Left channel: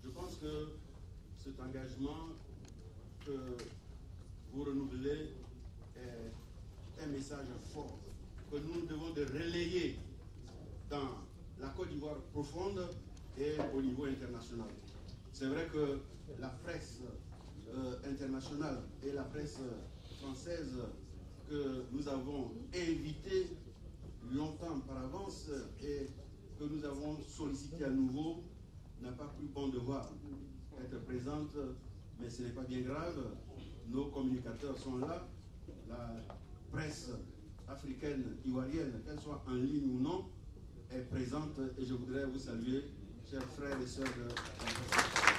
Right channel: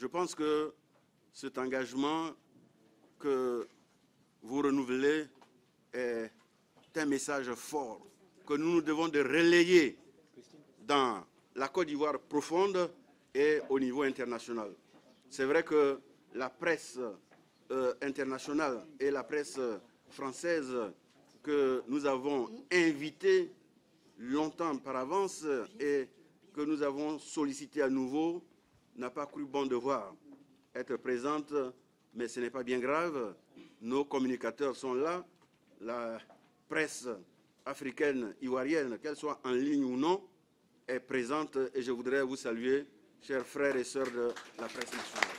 Je pense que cet engagement que vous renouvelez est un message fort que nous devons de relayer dans la Côte d'Ivoire profonde et au niveau international. C'est vrai que la presse internationale et la presse française que nous avons invitée longtemps par avance et que nous avons sollicité à nouveau n'a pas cru bon devoir être présente, mais ce n'est pas bien grave. Nos communicateurs sont là, la presse africaine, ivoirienne, qu'elle soit en ligne ou non, est présente et je voudrais vous saluer, chers frères et sœurs de la presse nationale.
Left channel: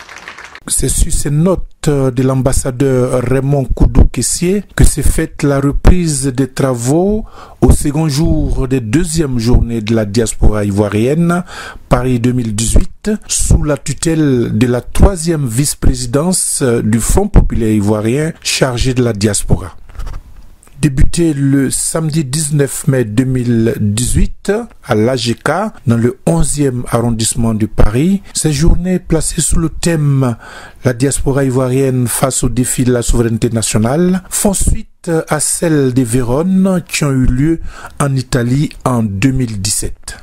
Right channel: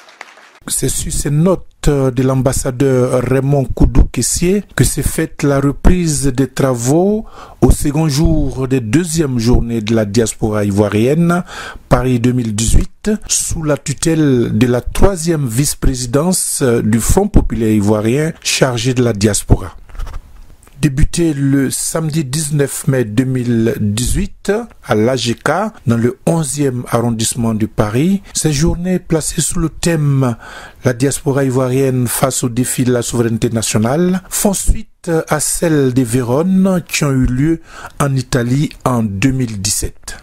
C'est sur ces notes de l'ambassadeur Raymond Koudou-Kessié que s'est faite la reprise des travaux au second jour des deuxièmes journées de la diaspora ivoirienne, Paris 2018, sous la tutelle de la troisième vice-présidence du Front populaire ivoirien chargé de la diaspora. Débuté le samedi 19 mai 2018 à l'AGK, dans le 11e arrondissement de Paris, ces journées placées sous le thème « La diaspora ivoirienne face aux défis de la souveraineté nationale » font suite à celles des Vérone qui ont eu lieu en Italie en 2017.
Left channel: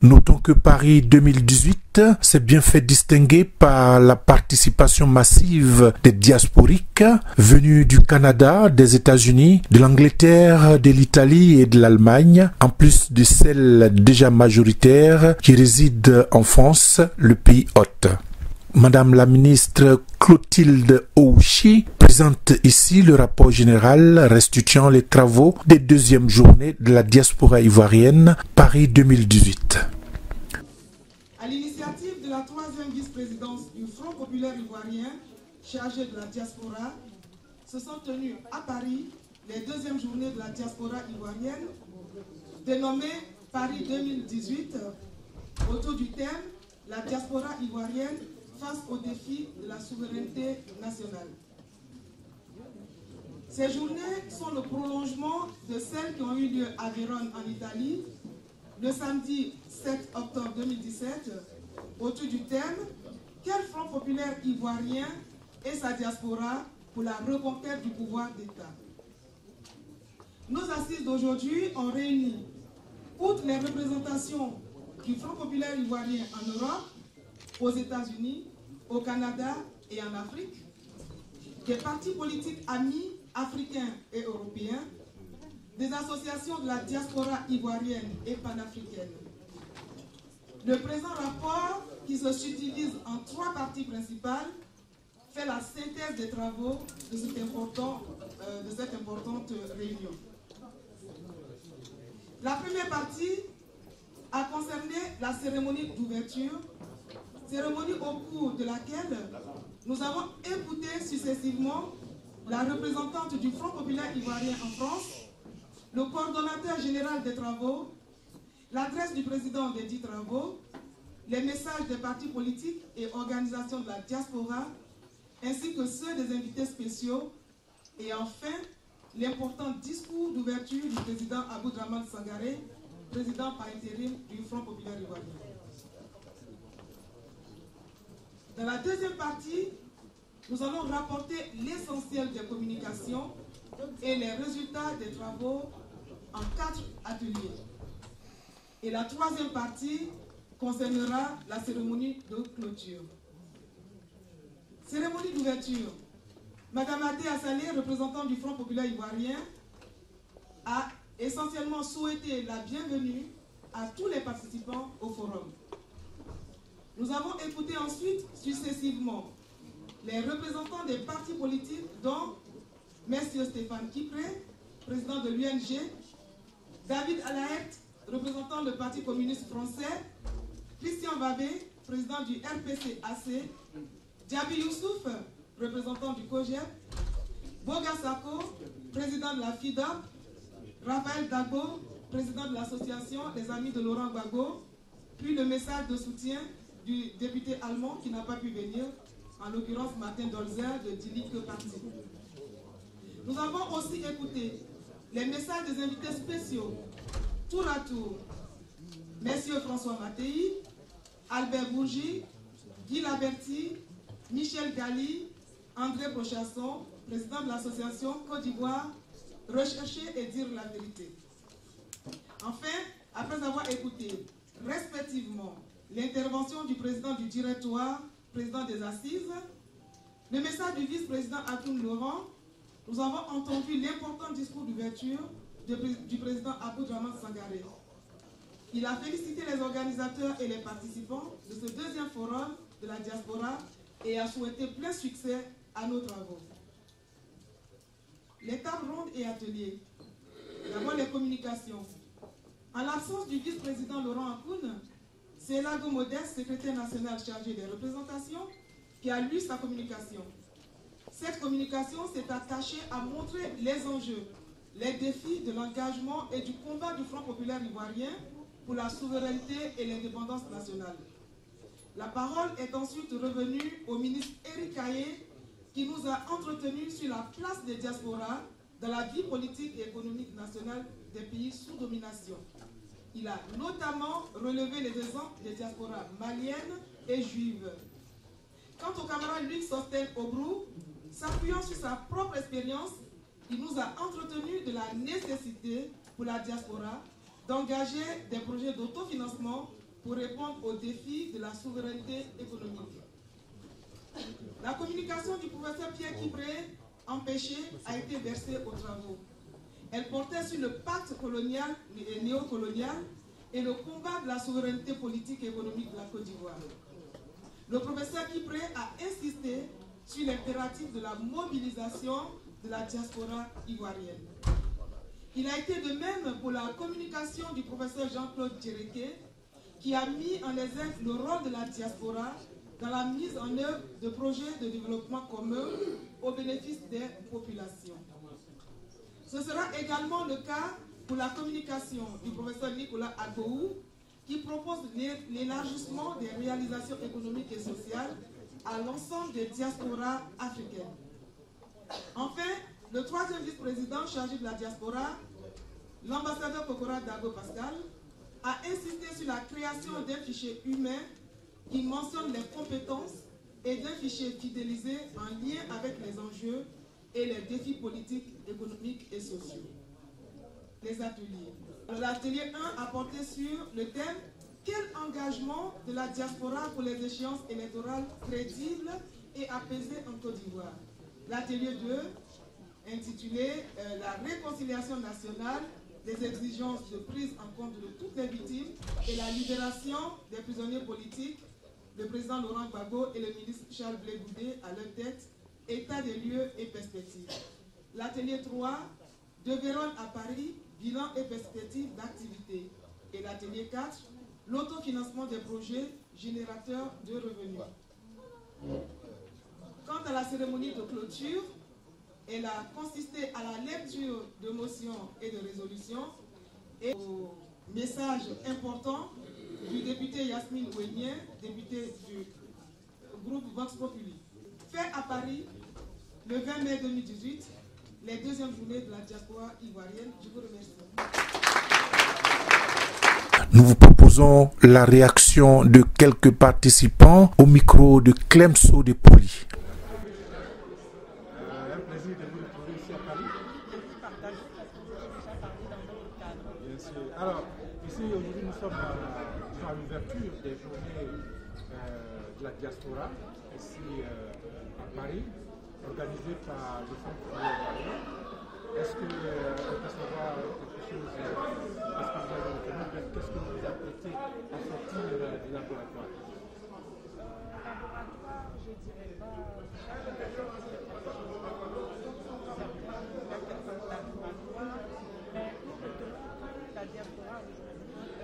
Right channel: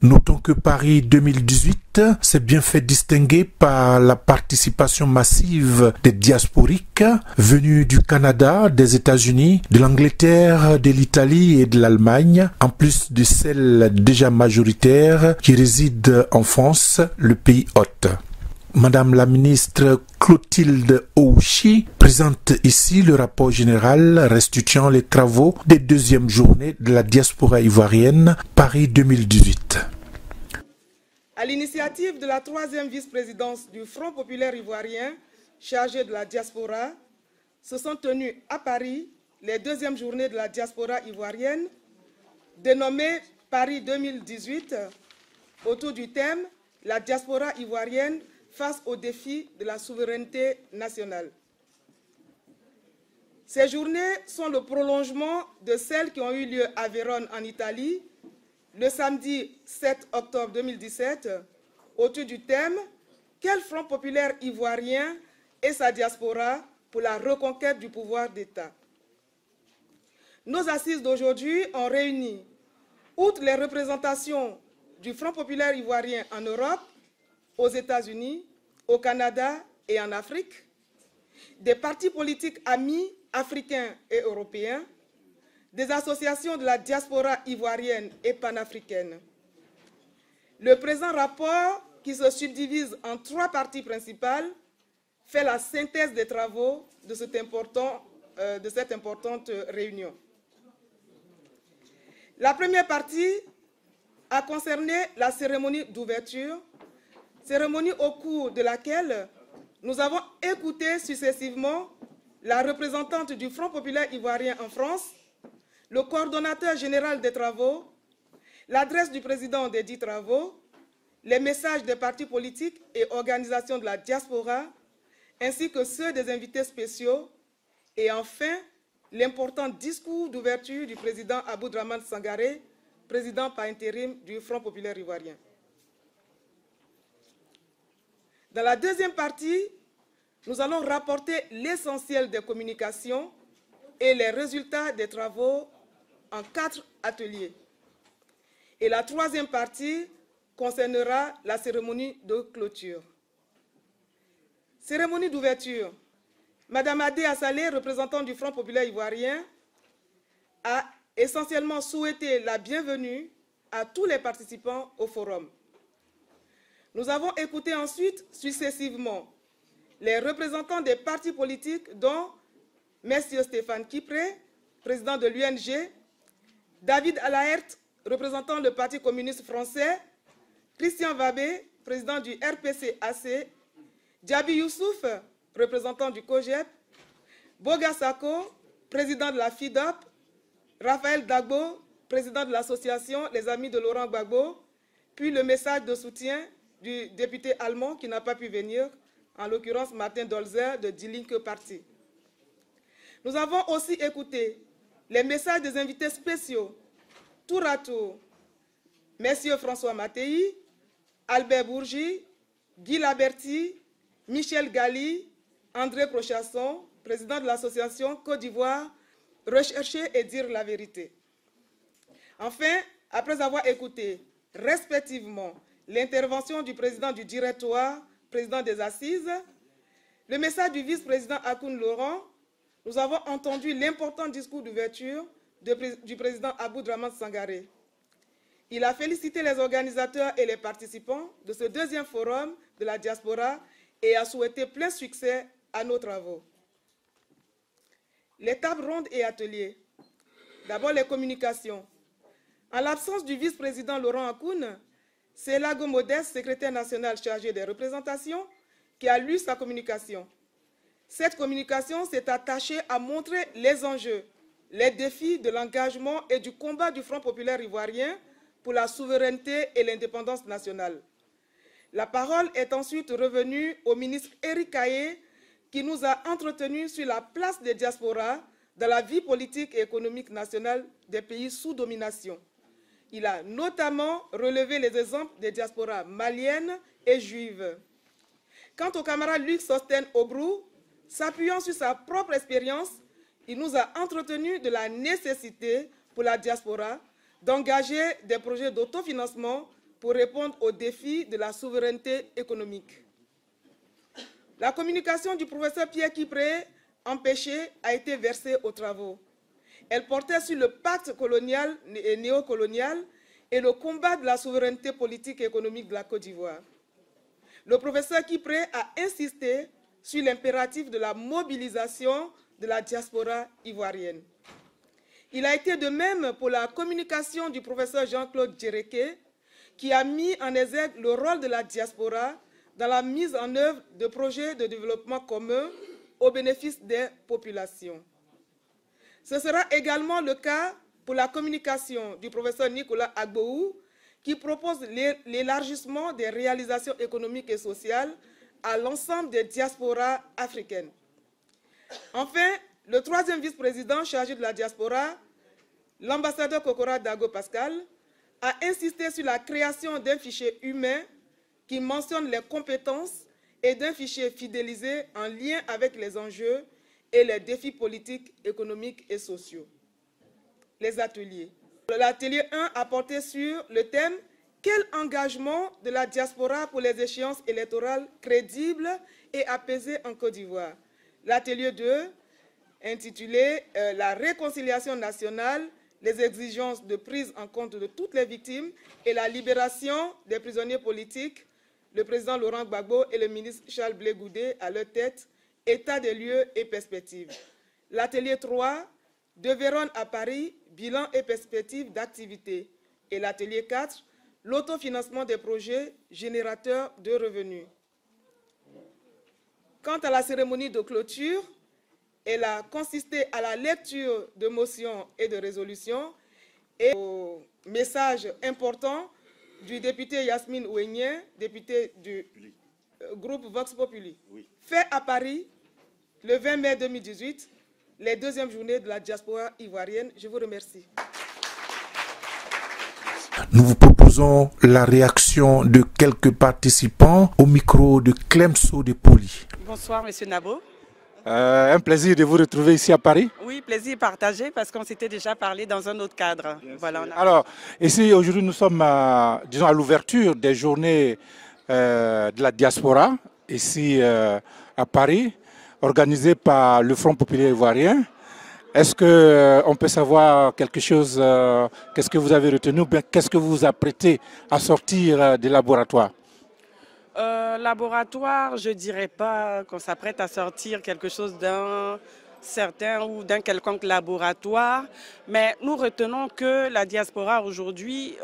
Notons que Paris 2018 s'est bien fait distinguer par la participation massive des diasporiques venus du Canada, des États-Unis, de l'Angleterre, de l'Italie et de l'Allemagne, en plus de celles déjà majoritaires qui résident en France, le pays hôte. Madame la ministre Clotilde Ouchi présente ici le rapport général restituant les travaux des deuxièmes journées de la diaspora ivoirienne Paris 2018. À l'initiative de la troisième vice-présidence du Front populaire ivoirien chargé de la diaspora, se sont tenues à Paris les deuxièmes journées de la diaspora ivoirienne, dénommées Paris 2018, autour du thème « La diaspora ivoirienne face aux défis de la souveraineté nationale ». Ces journées sont le prolongement de celles qui ont eu lieu à Vérone en Italie, le samedi 7 octobre 2017, autour du thème « Quel Front populaire ivoirien et sa diaspora pour la reconquête du pouvoir d'État ». Nos assises d'aujourd'hui ont réuni, outre les représentations du Front populaire ivoirien en Europe, aux États-Unis, au Canada et en Afrique, des partis politiques amis africains et européens, des associations de la diaspora ivoirienne et panafricaine. Le présent rapport, qui se subdivise en 3 parties principales, fait la synthèse des travaux de cette importante réunion. La première partie a concerné la cérémonie d'ouverture, cérémonie au cours de laquelle nous avons écouté successivement la représentante du Front populaire ivoirien en France, le coordonnateur général des travaux, l'adresse du président des dits travaux, les messages des partis politiques et organisations de la diaspora, ainsi que ceux des invités spéciaux, et enfin l'important discours d'ouverture du président Aboudraman Sangaré, président par intérim du Front populaire ivoirien. Dans la deuxième partie, nous allons rapporter l'essentiel des communications et les résultats des travaux en 4 ateliers. Et la troisième partie concernera la cérémonie de clôture. Cérémonie d'ouverture. Madame Adé Assalé, représentante du Front populaire ivoirien, a essentiellement souhaité la bienvenue à tous les participants au forum. Nous avons écouté ensuite successivement les représentants des partis politiques dont M. Stéphane Kipré, président de l'UNG, David Alaert, représentant le Parti communiste français, Christian Vabé, président du RPC-AC, Diaby Youssouf, représentant du COGEP, Boga Sako, président de la FIDOP, Raphaël Dagbo, président de l'association Les Amis de Laurent Gbagbo, puis le message de soutien du député allemand qui n'a pas pu venir, en l'occurrence Martin Dolzer de Die Linke Parti. Nous avons aussi écouté les messages des invités spéciaux, tour à tour, messieurs François Mattei, Albert Bourgi, Guy Laberty, Michel Gali, André Prochasson, président de l'association Côte d'Ivoire, rechercher et dire la vérité. Enfin, après avoir écouté respectivement l'intervention du président du directoire, président des assises, le message du vice-président Akoun Laurent, nous avons entendu l'important discours d'ouverture du président Aboudraman Sangaré. Il a félicité les organisateurs et les participants de ce deuxième forum de la diaspora et a souhaité plein succès à nos travaux. Les tables rondes et ateliers. D'abord les communications. En l'absence du vice-président Laurent Akoun, c'est Lago Modeste, secrétaire national chargé des représentations, qui a lu sa communication. Cette communication s'est attachée à montrer les enjeux, les défis de l'engagement et du combat du Front populaire ivoirien pour la souveraineté et l'indépendance nationale. La parole est ensuite revenue au ministre Éric Kaye, qui nous a entretenus sur la place des diasporas dans la vie politique et économique nationale des pays sous domination. Il a notamment relevé les exemples des diasporas maliennes et juives. Quant au camarade Luc Sosten Obrou, s'appuyant sur sa propre expérience, il nous a entretenus de la nécessité pour la diaspora d'engager des projets d'autofinancement pour répondre aux défis de la souveraineté économique. La communication du professeur Pierre Kipré, empêché, a été versée aux travaux. Elle portait sur le pacte colonial et néocolonial et le combat de la souveraineté politique et économique de la Côte d'Ivoire. Le professeur Kipré a insisté sur l'impératif de la mobilisation de la diaspora ivoirienne. Il a été de même pour la communication du professeur Jean-Claude Djereké, qui a mis en exergue le rôle de la diaspora dans la mise en œuvre de projets de développement communs au bénéfice des populations. Ce sera également le cas pour la communication du professeur Nicolas Agboou, qui propose l'élargissement des réalisations économiques et sociales à l'ensemble des diasporas africaines. Enfin, le troisième vice-président chargé de la diaspora, l'ambassadeur Kokora Dago Pascal, a insisté sur la création d'un fichier humain qui mentionne les compétences et d'un fichier fidélisé en lien avec les enjeux et les défis politiques, économiques et sociaux. Les ateliers. L'atelier 1 a porté sur le thème « Quel engagement de la diaspora pour les échéances électorales crédibles et apaisées en Côte d'Ivoire ?» L'atelier 2, intitulé « La réconciliation nationale, les exigences de prise en compte de toutes les victimes et la libération des prisonniers politiques », le président Laurent Gbagbo et le ministre Charles Blé Goudé à leur tête, état des lieux et perspectives. L'atelier 3, de Vérone à Paris, bilan et perspectives d'activité. Et l'atelier 4, l'autofinancement des projets générateurs de revenus. Quant à la cérémonie de clôture, elle a consisté à la lecture de motions et de résolutions et au message important du député Yasmine Ouenien, député du groupe Vox Populi. Fait à Paris, le 20 mai 2018, les deuxièmes journées de la diaspora ivoirienne. Je vous remercie. Nous vous proposons la réaction de quelques participants au micro de Clemso de Poli. Bonsoir, Monsieur Nabo. Un plaisir de vous retrouver ici à Paris. Oui, plaisir partagé parce qu'on s'était déjà parlé dans un autre cadre. Voilà, Alors, ici aujourd'hui nous sommes disons, à l'ouverture des journées de la diaspora, ici à Paris, organisées par le Front populaire ivoirien. Est-ce qu'on peut savoir quelque chose, qu'est-ce que vous avez retenu, qu'est-ce que vous vous apprêtez à sortir des laboratoires? Laboratoire, je ne dirais pas qu'on s'apprête à sortir quelque chose d'un certain ou d'un quelconque laboratoire, mais nous retenons que la diaspora aujourd'hui,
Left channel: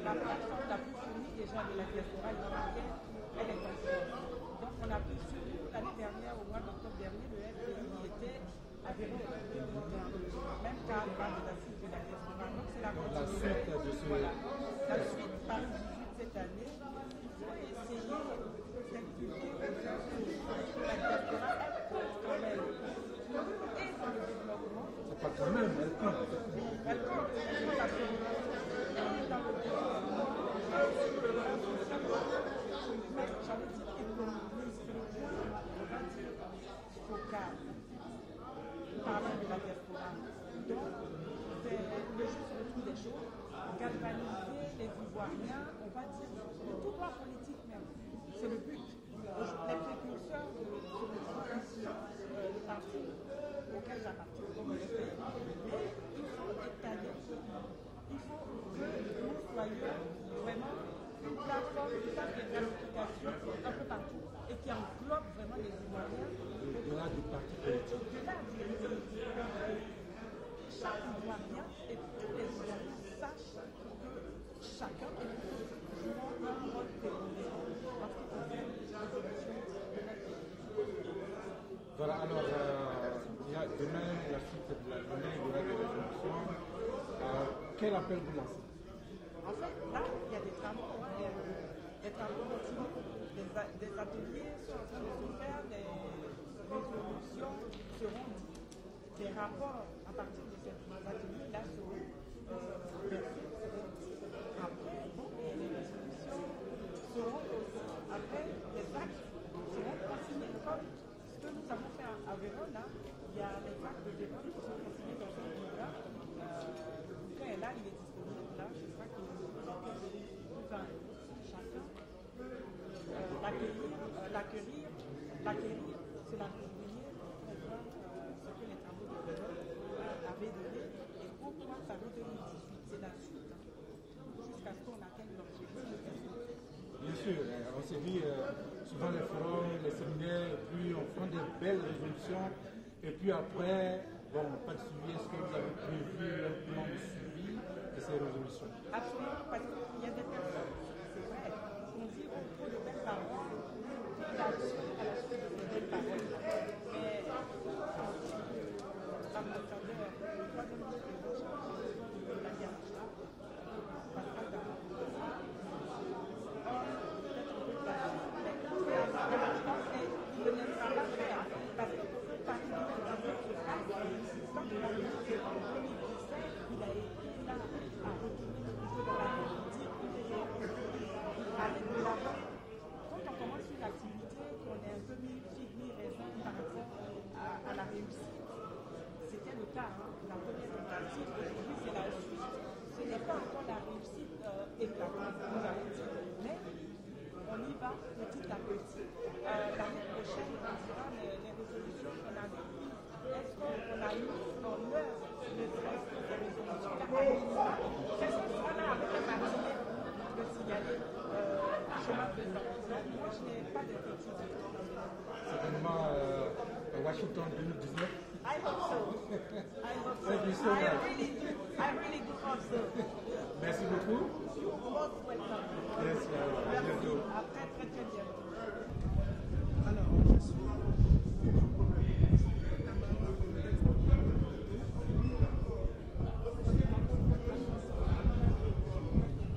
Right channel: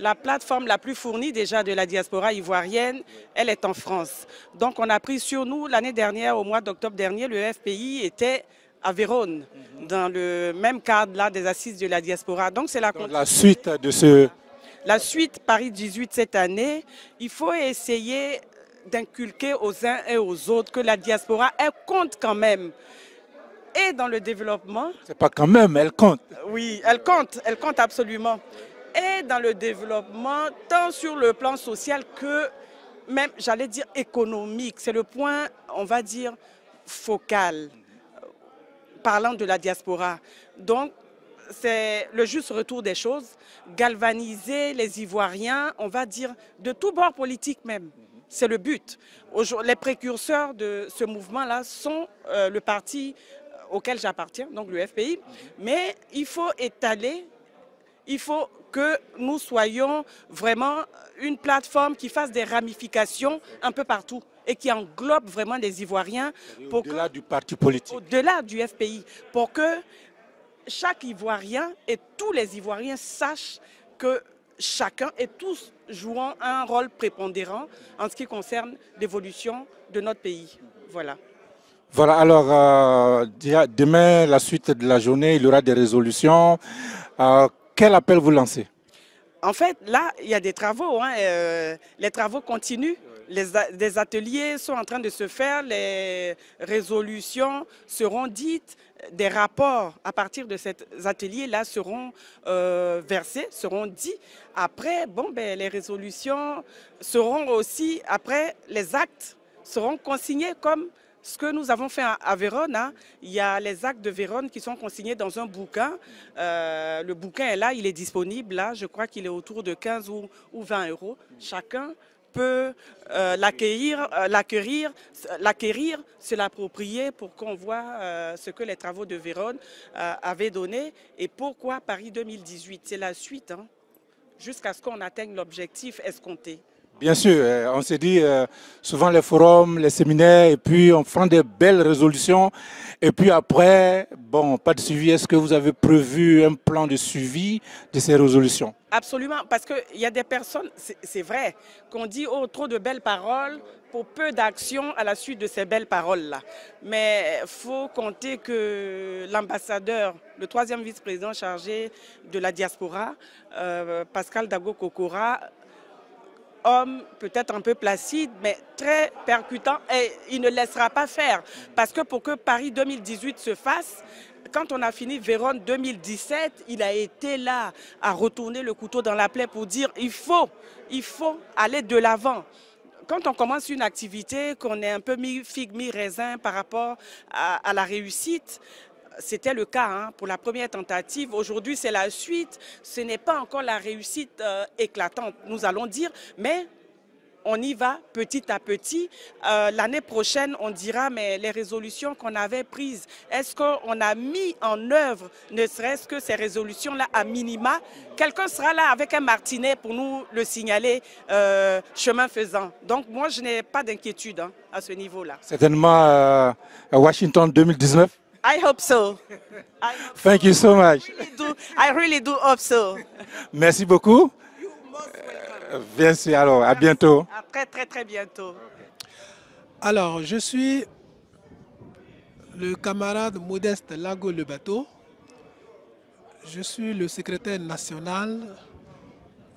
la plateforme la plus fournie déjà de la diaspora ivoirienne, elle est en France. Donc on a pris sur nous, l'année dernière, au mois d'octobre dernier, le FPI était à Vérone, dans le même cadre là, des assises de la diaspora. Donc c'est la suite de ce... La suite Paris 18 cette année, il faut essayer d'inculquer aux uns et aux autres que la diaspora, elle compte quand même. Et dans le développement... C'est pas quand même, elle compte. Oui, elle compte absolument. Et dans le développement, tant sur le plan social que même, j'allais dire, économique. C'est le point, on va dire, focal, parlant de la diaspora. Donc, c'est le juste retour des choses, galvaniser les Ivoiriens, on va dire, de tous bords politiques même. C'est le but. Les précurseurs de ce mouvement-là sont le parti auquel j'appartiens, donc le FPI. Mais il faut étaler, il faut que nous soyons vraiment une plateforme qui fasse des ramifications un peu partout et qui englobe vraiment les Ivoiriens. Au-delà du parti politique. Au-delà du FPI, pour que chaque Ivoirien et tous les Ivoiriens sachent que chacun et tous jouant un rôle prépondérant en ce qui concerne l'évolution de notre pays. Voilà. Voilà, alors demain, la suite de la journée, il y aura des résolutions. Quel appel vous lancez? En fait, là, il y a des travaux. Les travaux continuent. Des ateliers sont en train de se faire. Les résolutions seront dites. Des rapports à partir de cet atelier-là seront versés, seront dits. Après, les résolutions seront aussi, après, les actes seront consignés comme ce que nous avons fait à Vérone. Il y a les actes de Vérone qui sont consignés dans un bouquin. Le bouquin est là, il est disponible là. Je crois qu'il est autour de 15 ou 20 €. Chacun peut l'acquérir, se l'approprier pour qu'on voit ce que les travaux de Vérone avaient donné et pourquoi Paris 2018. C'est la suite, jusqu'à ce qu'on atteigne l'objectif escompté. Bien sûr, on s'est dit souvent les forums, les séminaires, et puis on prend des belles résolutions. Et puis après, pas de suivi. Est-ce que vous avez prévu un plan de suivi de ces résolutions? Absolument, parce qu'il y a des personnes, c'est vrai, qu'on dit trop de belles paroles pour peu d'actions à la suite de ces belles paroles-là. Mais il faut compter que l'ambassadeur, le 3e vice-président chargé de la diaspora, Pascal Dago Kokora, homme peut-être un peu placide, mais très percutant, et il ne laissera pas faire. Parce que pour que Paris 2018 se fasse, quand on a fini Vérone 2017, il a été là à retourner le couteau dans la plaie pour dire il faut aller de l'avant. Quand on commence une activité, qu'on est un peu mi-figue, mi-raisin par rapport à la réussite, c'était le cas pour la première tentative. Aujourd'hui, c'est la suite. Ce n'est pas encore la réussite éclatante, nous allons dire, mais on y va petit à petit. L'année prochaine, on dira, mais les résolutions qu'on avait prises, est-ce qu'on a mis en œuvre, ne serait-ce que ces résolutions-là à minima? Quelqu'un sera là avec un martinet pour nous le signaler chemin faisant. Donc moi, je n'ai pas d'inquiétude à ce niveau-là. Certainement à Washington 2019. I hope so. Thank you so much. I really do hope so. Merci beaucoup. Bien sûr, alors à bientôt. À très très très bientôt. Alors, je suis le camarade Modeste Lago Le Bateau. Je suis le secrétaire national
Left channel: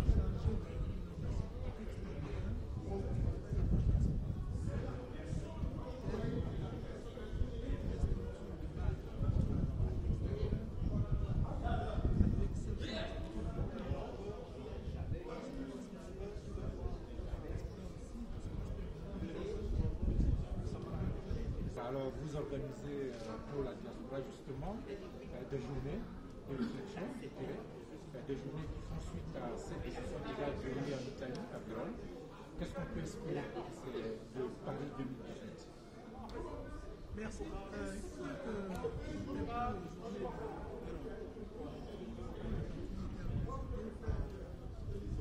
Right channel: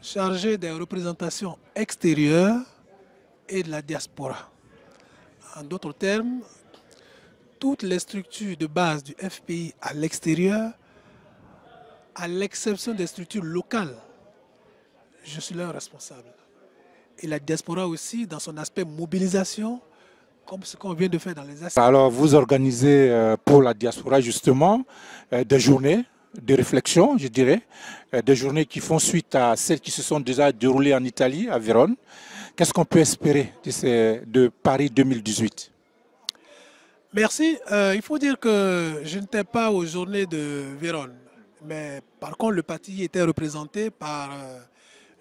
chargé des représentations extérieures et de la diaspora. En d'autres termes, toutes les structures de base du FPI à l'extérieur, à l'exception des structures locales, je suis leur responsable. Et la diaspora aussi, dans son aspect mobilisation, comme ce qu'on vient de faire dans les aspects. Alors, vous organisez pour la diaspora justement des journées de réflexion, je dirais, des journées qui font suite à celles qui se sont déjà déroulées en Italie, à Vérone. Qu'est-ce qu'on peut espérer de Paris 2018? Merci. Il faut dire que je n'étais pas aux journées de Vérone. Mais par contre, le parti était représenté par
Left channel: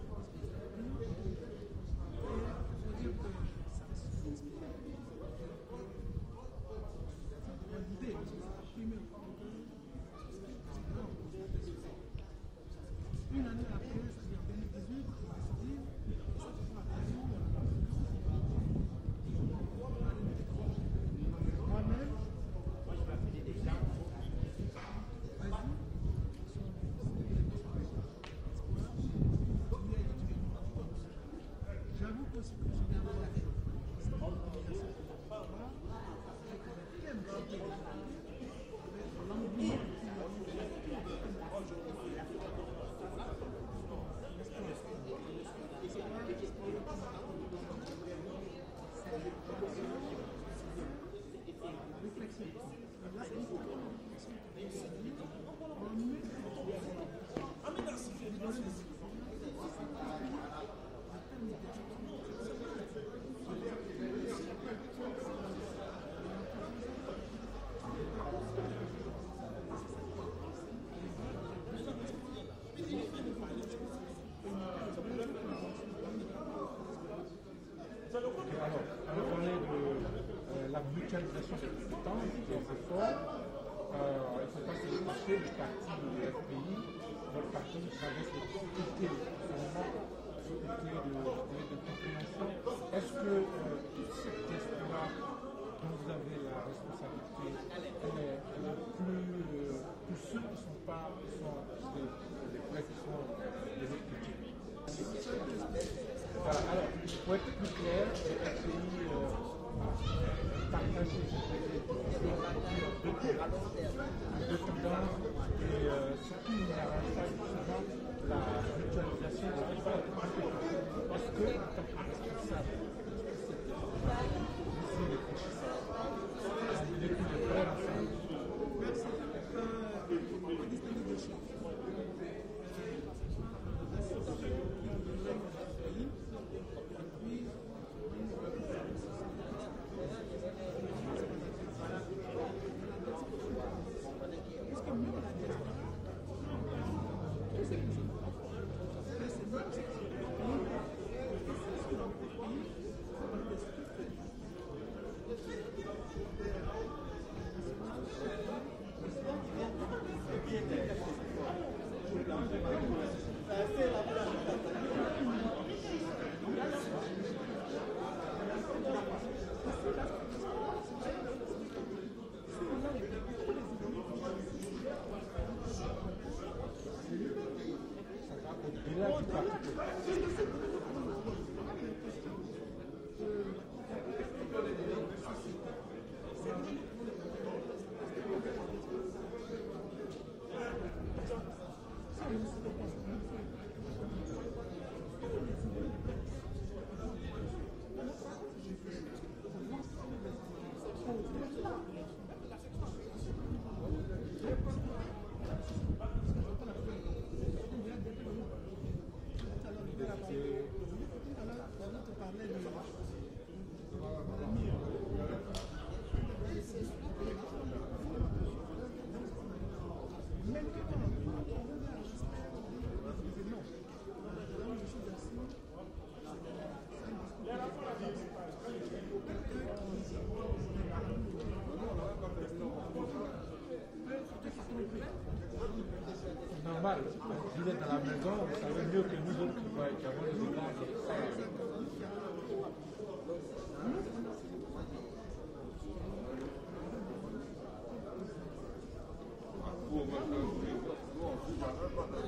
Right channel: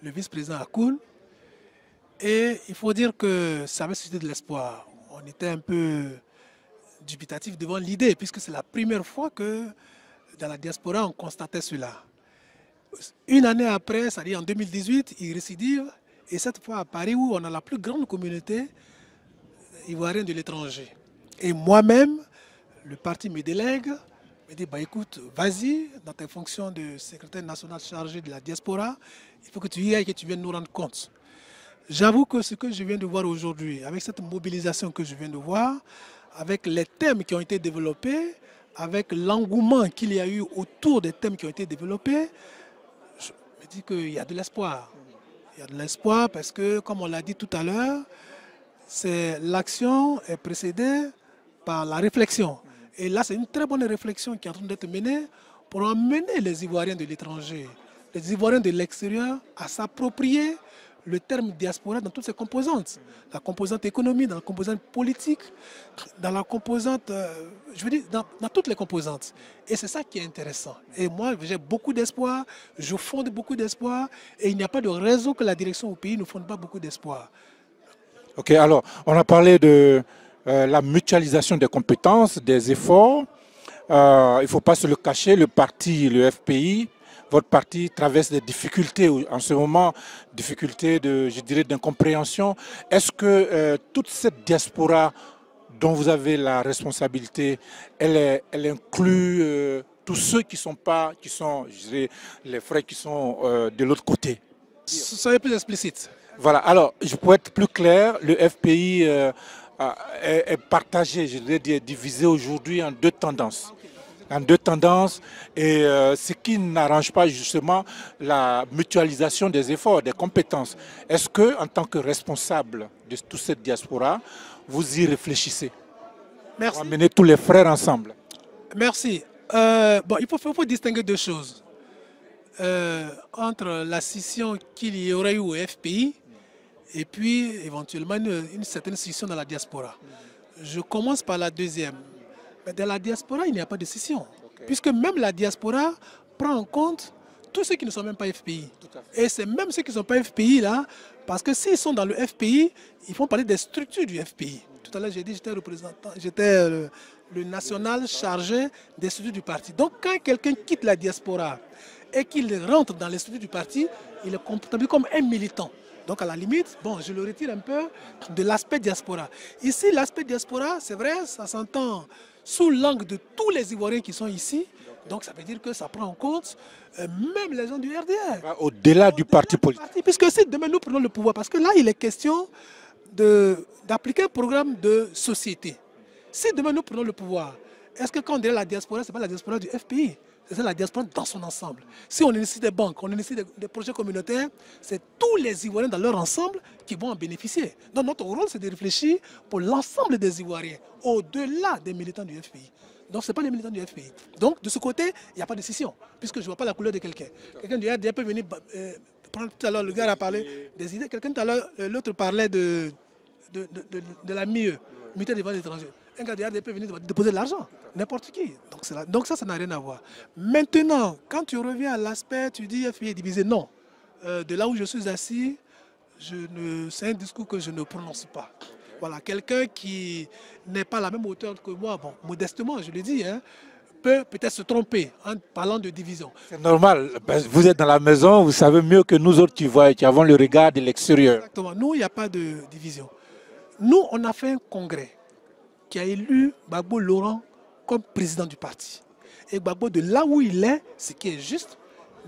le vice-président Akoun. Et il faut dire que ça avait suscité de l'espoir. On était un peu dubitatif devant l'idée, puisque c'est la première fois que dans la diaspora, on constatait cela. Une année après, c'est-à-dire en 2018, il récidive. Et cette fois à Paris, où on a la plus grande communauté ivoirienne de l'étranger. Et moi-même, le parti me délègue, me dit, écoute, vas-y, dans tes fonctions de secrétaire national chargé de la diaspora, il faut que tu y ailles et que tu viennes nous rendre compte. J'avoue que ce que je viens de voir aujourd'hui, avec cette mobilisation que je viens de voir, avec les thèmes qui ont été développés, avec l'engouement qu'il y a eu autour des thèmes qui ont été développés, je me dis qu'il y a de l'espoir. Il y a de l'espoir parce que, comme on l'a dit tout à l'heure, l'action est précédée par la réflexion. Et là, c'est une très bonne réflexion qui est en train d'être menée pour emmener les Ivoiriens de l'étranger, les Ivoiriens de l'extérieur à s'approprier le terme diaspora dans toutes ses composantes. La composante économique, dans la composante politique, dans la composante, je veux dire, dans toutes les composantes. Et c'est ça qui est intéressant. Et moi, j'ai beaucoup d'espoir, je fonde beaucoup d'espoir, et il n'y a pas de raison que la direction au pays ne fonde pas beaucoup d'espoir. Ok, alors, on a parlé de la mutualisation des compétences, des efforts. Il ne faut pas se le cacher, le parti, le FPI, votre parti traverse des difficultés en ce moment, difficultés de, je dirais, d'incompréhension. Est-ce que toute cette diaspora dont vous avez la responsabilité, elle inclut tous ceux qui sont je dirais, les frères qui sont de l'autre côté? Soyez plus explicite. Voilà, alors, pour être plus clair, le FPI est partagé, je dirais, divisé aujourd'hui en deux tendances. Et ce qui n'arrange pas justement la mutualisation des efforts, des compétences. Est-ce que, en tant que responsable de toute cette diaspora, vous y réfléchissez? Merci. Pour amener tous les frères ensemble. Merci. Bon, il faut distinguer deux choses. Entre la scission qu'il y aurait eu au FPI et puis éventuellement une certaine scission dans la diaspora. Je commence par la deuxième. Dans la diaspora, il n'y a pas de scission, puisque même la diaspora prend en compte tous ceux qui ne sont même pas FPI. Et c'est même ceux qui ne sont pas FPI là, parce que s'ils sont dans le FPI, ils font parler des structures du FPI. Tout à l'heure, j'ai dit que j'étais représentant, j'étais le national chargé des structures du parti. Donc quand quelqu'un quitte la diaspora et qu'il rentre dans les structures du parti, il est comptabilisé comme un militant. Donc à la limite, bon, je le retire un peu de l'aspect diaspora. Ici, l'aspect diaspora, c'est vrai, ça s'entend sous l'angle de tous les Ivoiriens qui sont ici. Donc ça veut dire que ça prend en compte même les gens du RDR. Au-delà du parti politique. Puisque si demain nous prenons le pouvoir, parce que là il est question d'appliquer un programme de société. Si demain nous prenons le pouvoir, est-ce que quand on dirait la diaspora, ce n'est pas la diaspora du FPI, c'est la diaspora dans son ensemble. Si on initie des banques, on initie des projets communautaires, c'est tous les Ivoiriens dans leur ensemble qui vont en bénéficier. Donc notre rôle, c'est de réfléchir pour l'ensemble des Ivoiriens, au-delà des militants du FPI. Donc ce n'est pas les militants du FPI. Donc de ce côté, il n'y a pas de scission, puisque je ne vois pas la couleur de quelqu'un. Quelqu'un du RDR peut venir prendre tout à l'heure, le gars a parlé des idées, quelqu'un tout à l'heure, l'autre parlait de la MIE, Mutuelle d'épargne étrangère. Un gars du RDR peut venir déposer de l'argent, n'importe qui. Donc ça n'a rien à voir. Maintenant, quand tu reviens à l'aspect, tu dis FPI est divisé, non. De là où je suis assis, c'est un discours que je ne prononce pas. Voilà, quelqu'un qui n'est pas à la même hauteur que moi, bon, modestement, je le dis, hein, peut peut-être se tromper en parlant de division. C'est normal, vous êtes dans la maison, vous savez mieux que nous autres qui avons le regard de l'extérieur. Exactement, nous, il n'y a pas de division. Nous, on a fait un congrès qui a élu Gbagbo Laurent comme président du parti. Et Gbagbo, de là où il est, ce qui est juste,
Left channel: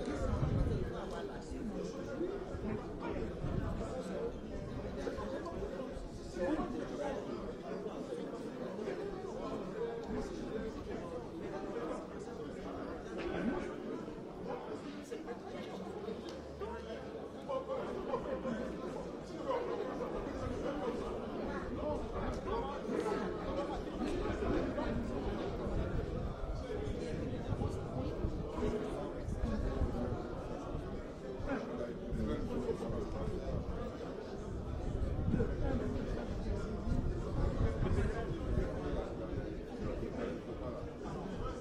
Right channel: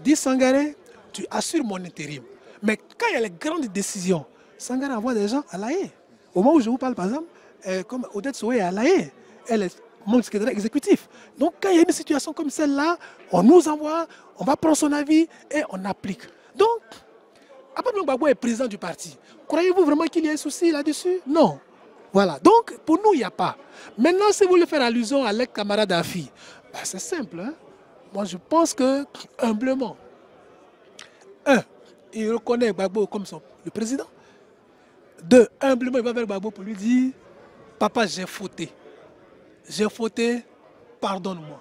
dit Sangaré, tu assures mon intérim. Mais quand il y a les grandes décisions, Sangaré envoie des gens à La Haye. Au moment où je vous parle, par exemple, comme Odette Sowe est à La Haye, elle est mon secrétaire exécutif. Donc quand il y a une situation comme celle-là, on nous envoie, on va prendre son avis et on applique. Donc, après que Gbagbo est président du parti, croyez-vous vraiment qu'il y a un souci là-dessus? Non. Voilà. Donc, pour nous, il n'y a pas. Maintenant, si vous voulez faire allusion à l'ex-camarade Afi, ben, c'est simple. Hein? Moi, je pense que, humblement, il reconnaît Gbagbo comme le président. Deux, humblement, il va vers Gbagbo pour lui dire, papa, j'ai fauté. J'ai fauté, pardonne-moi.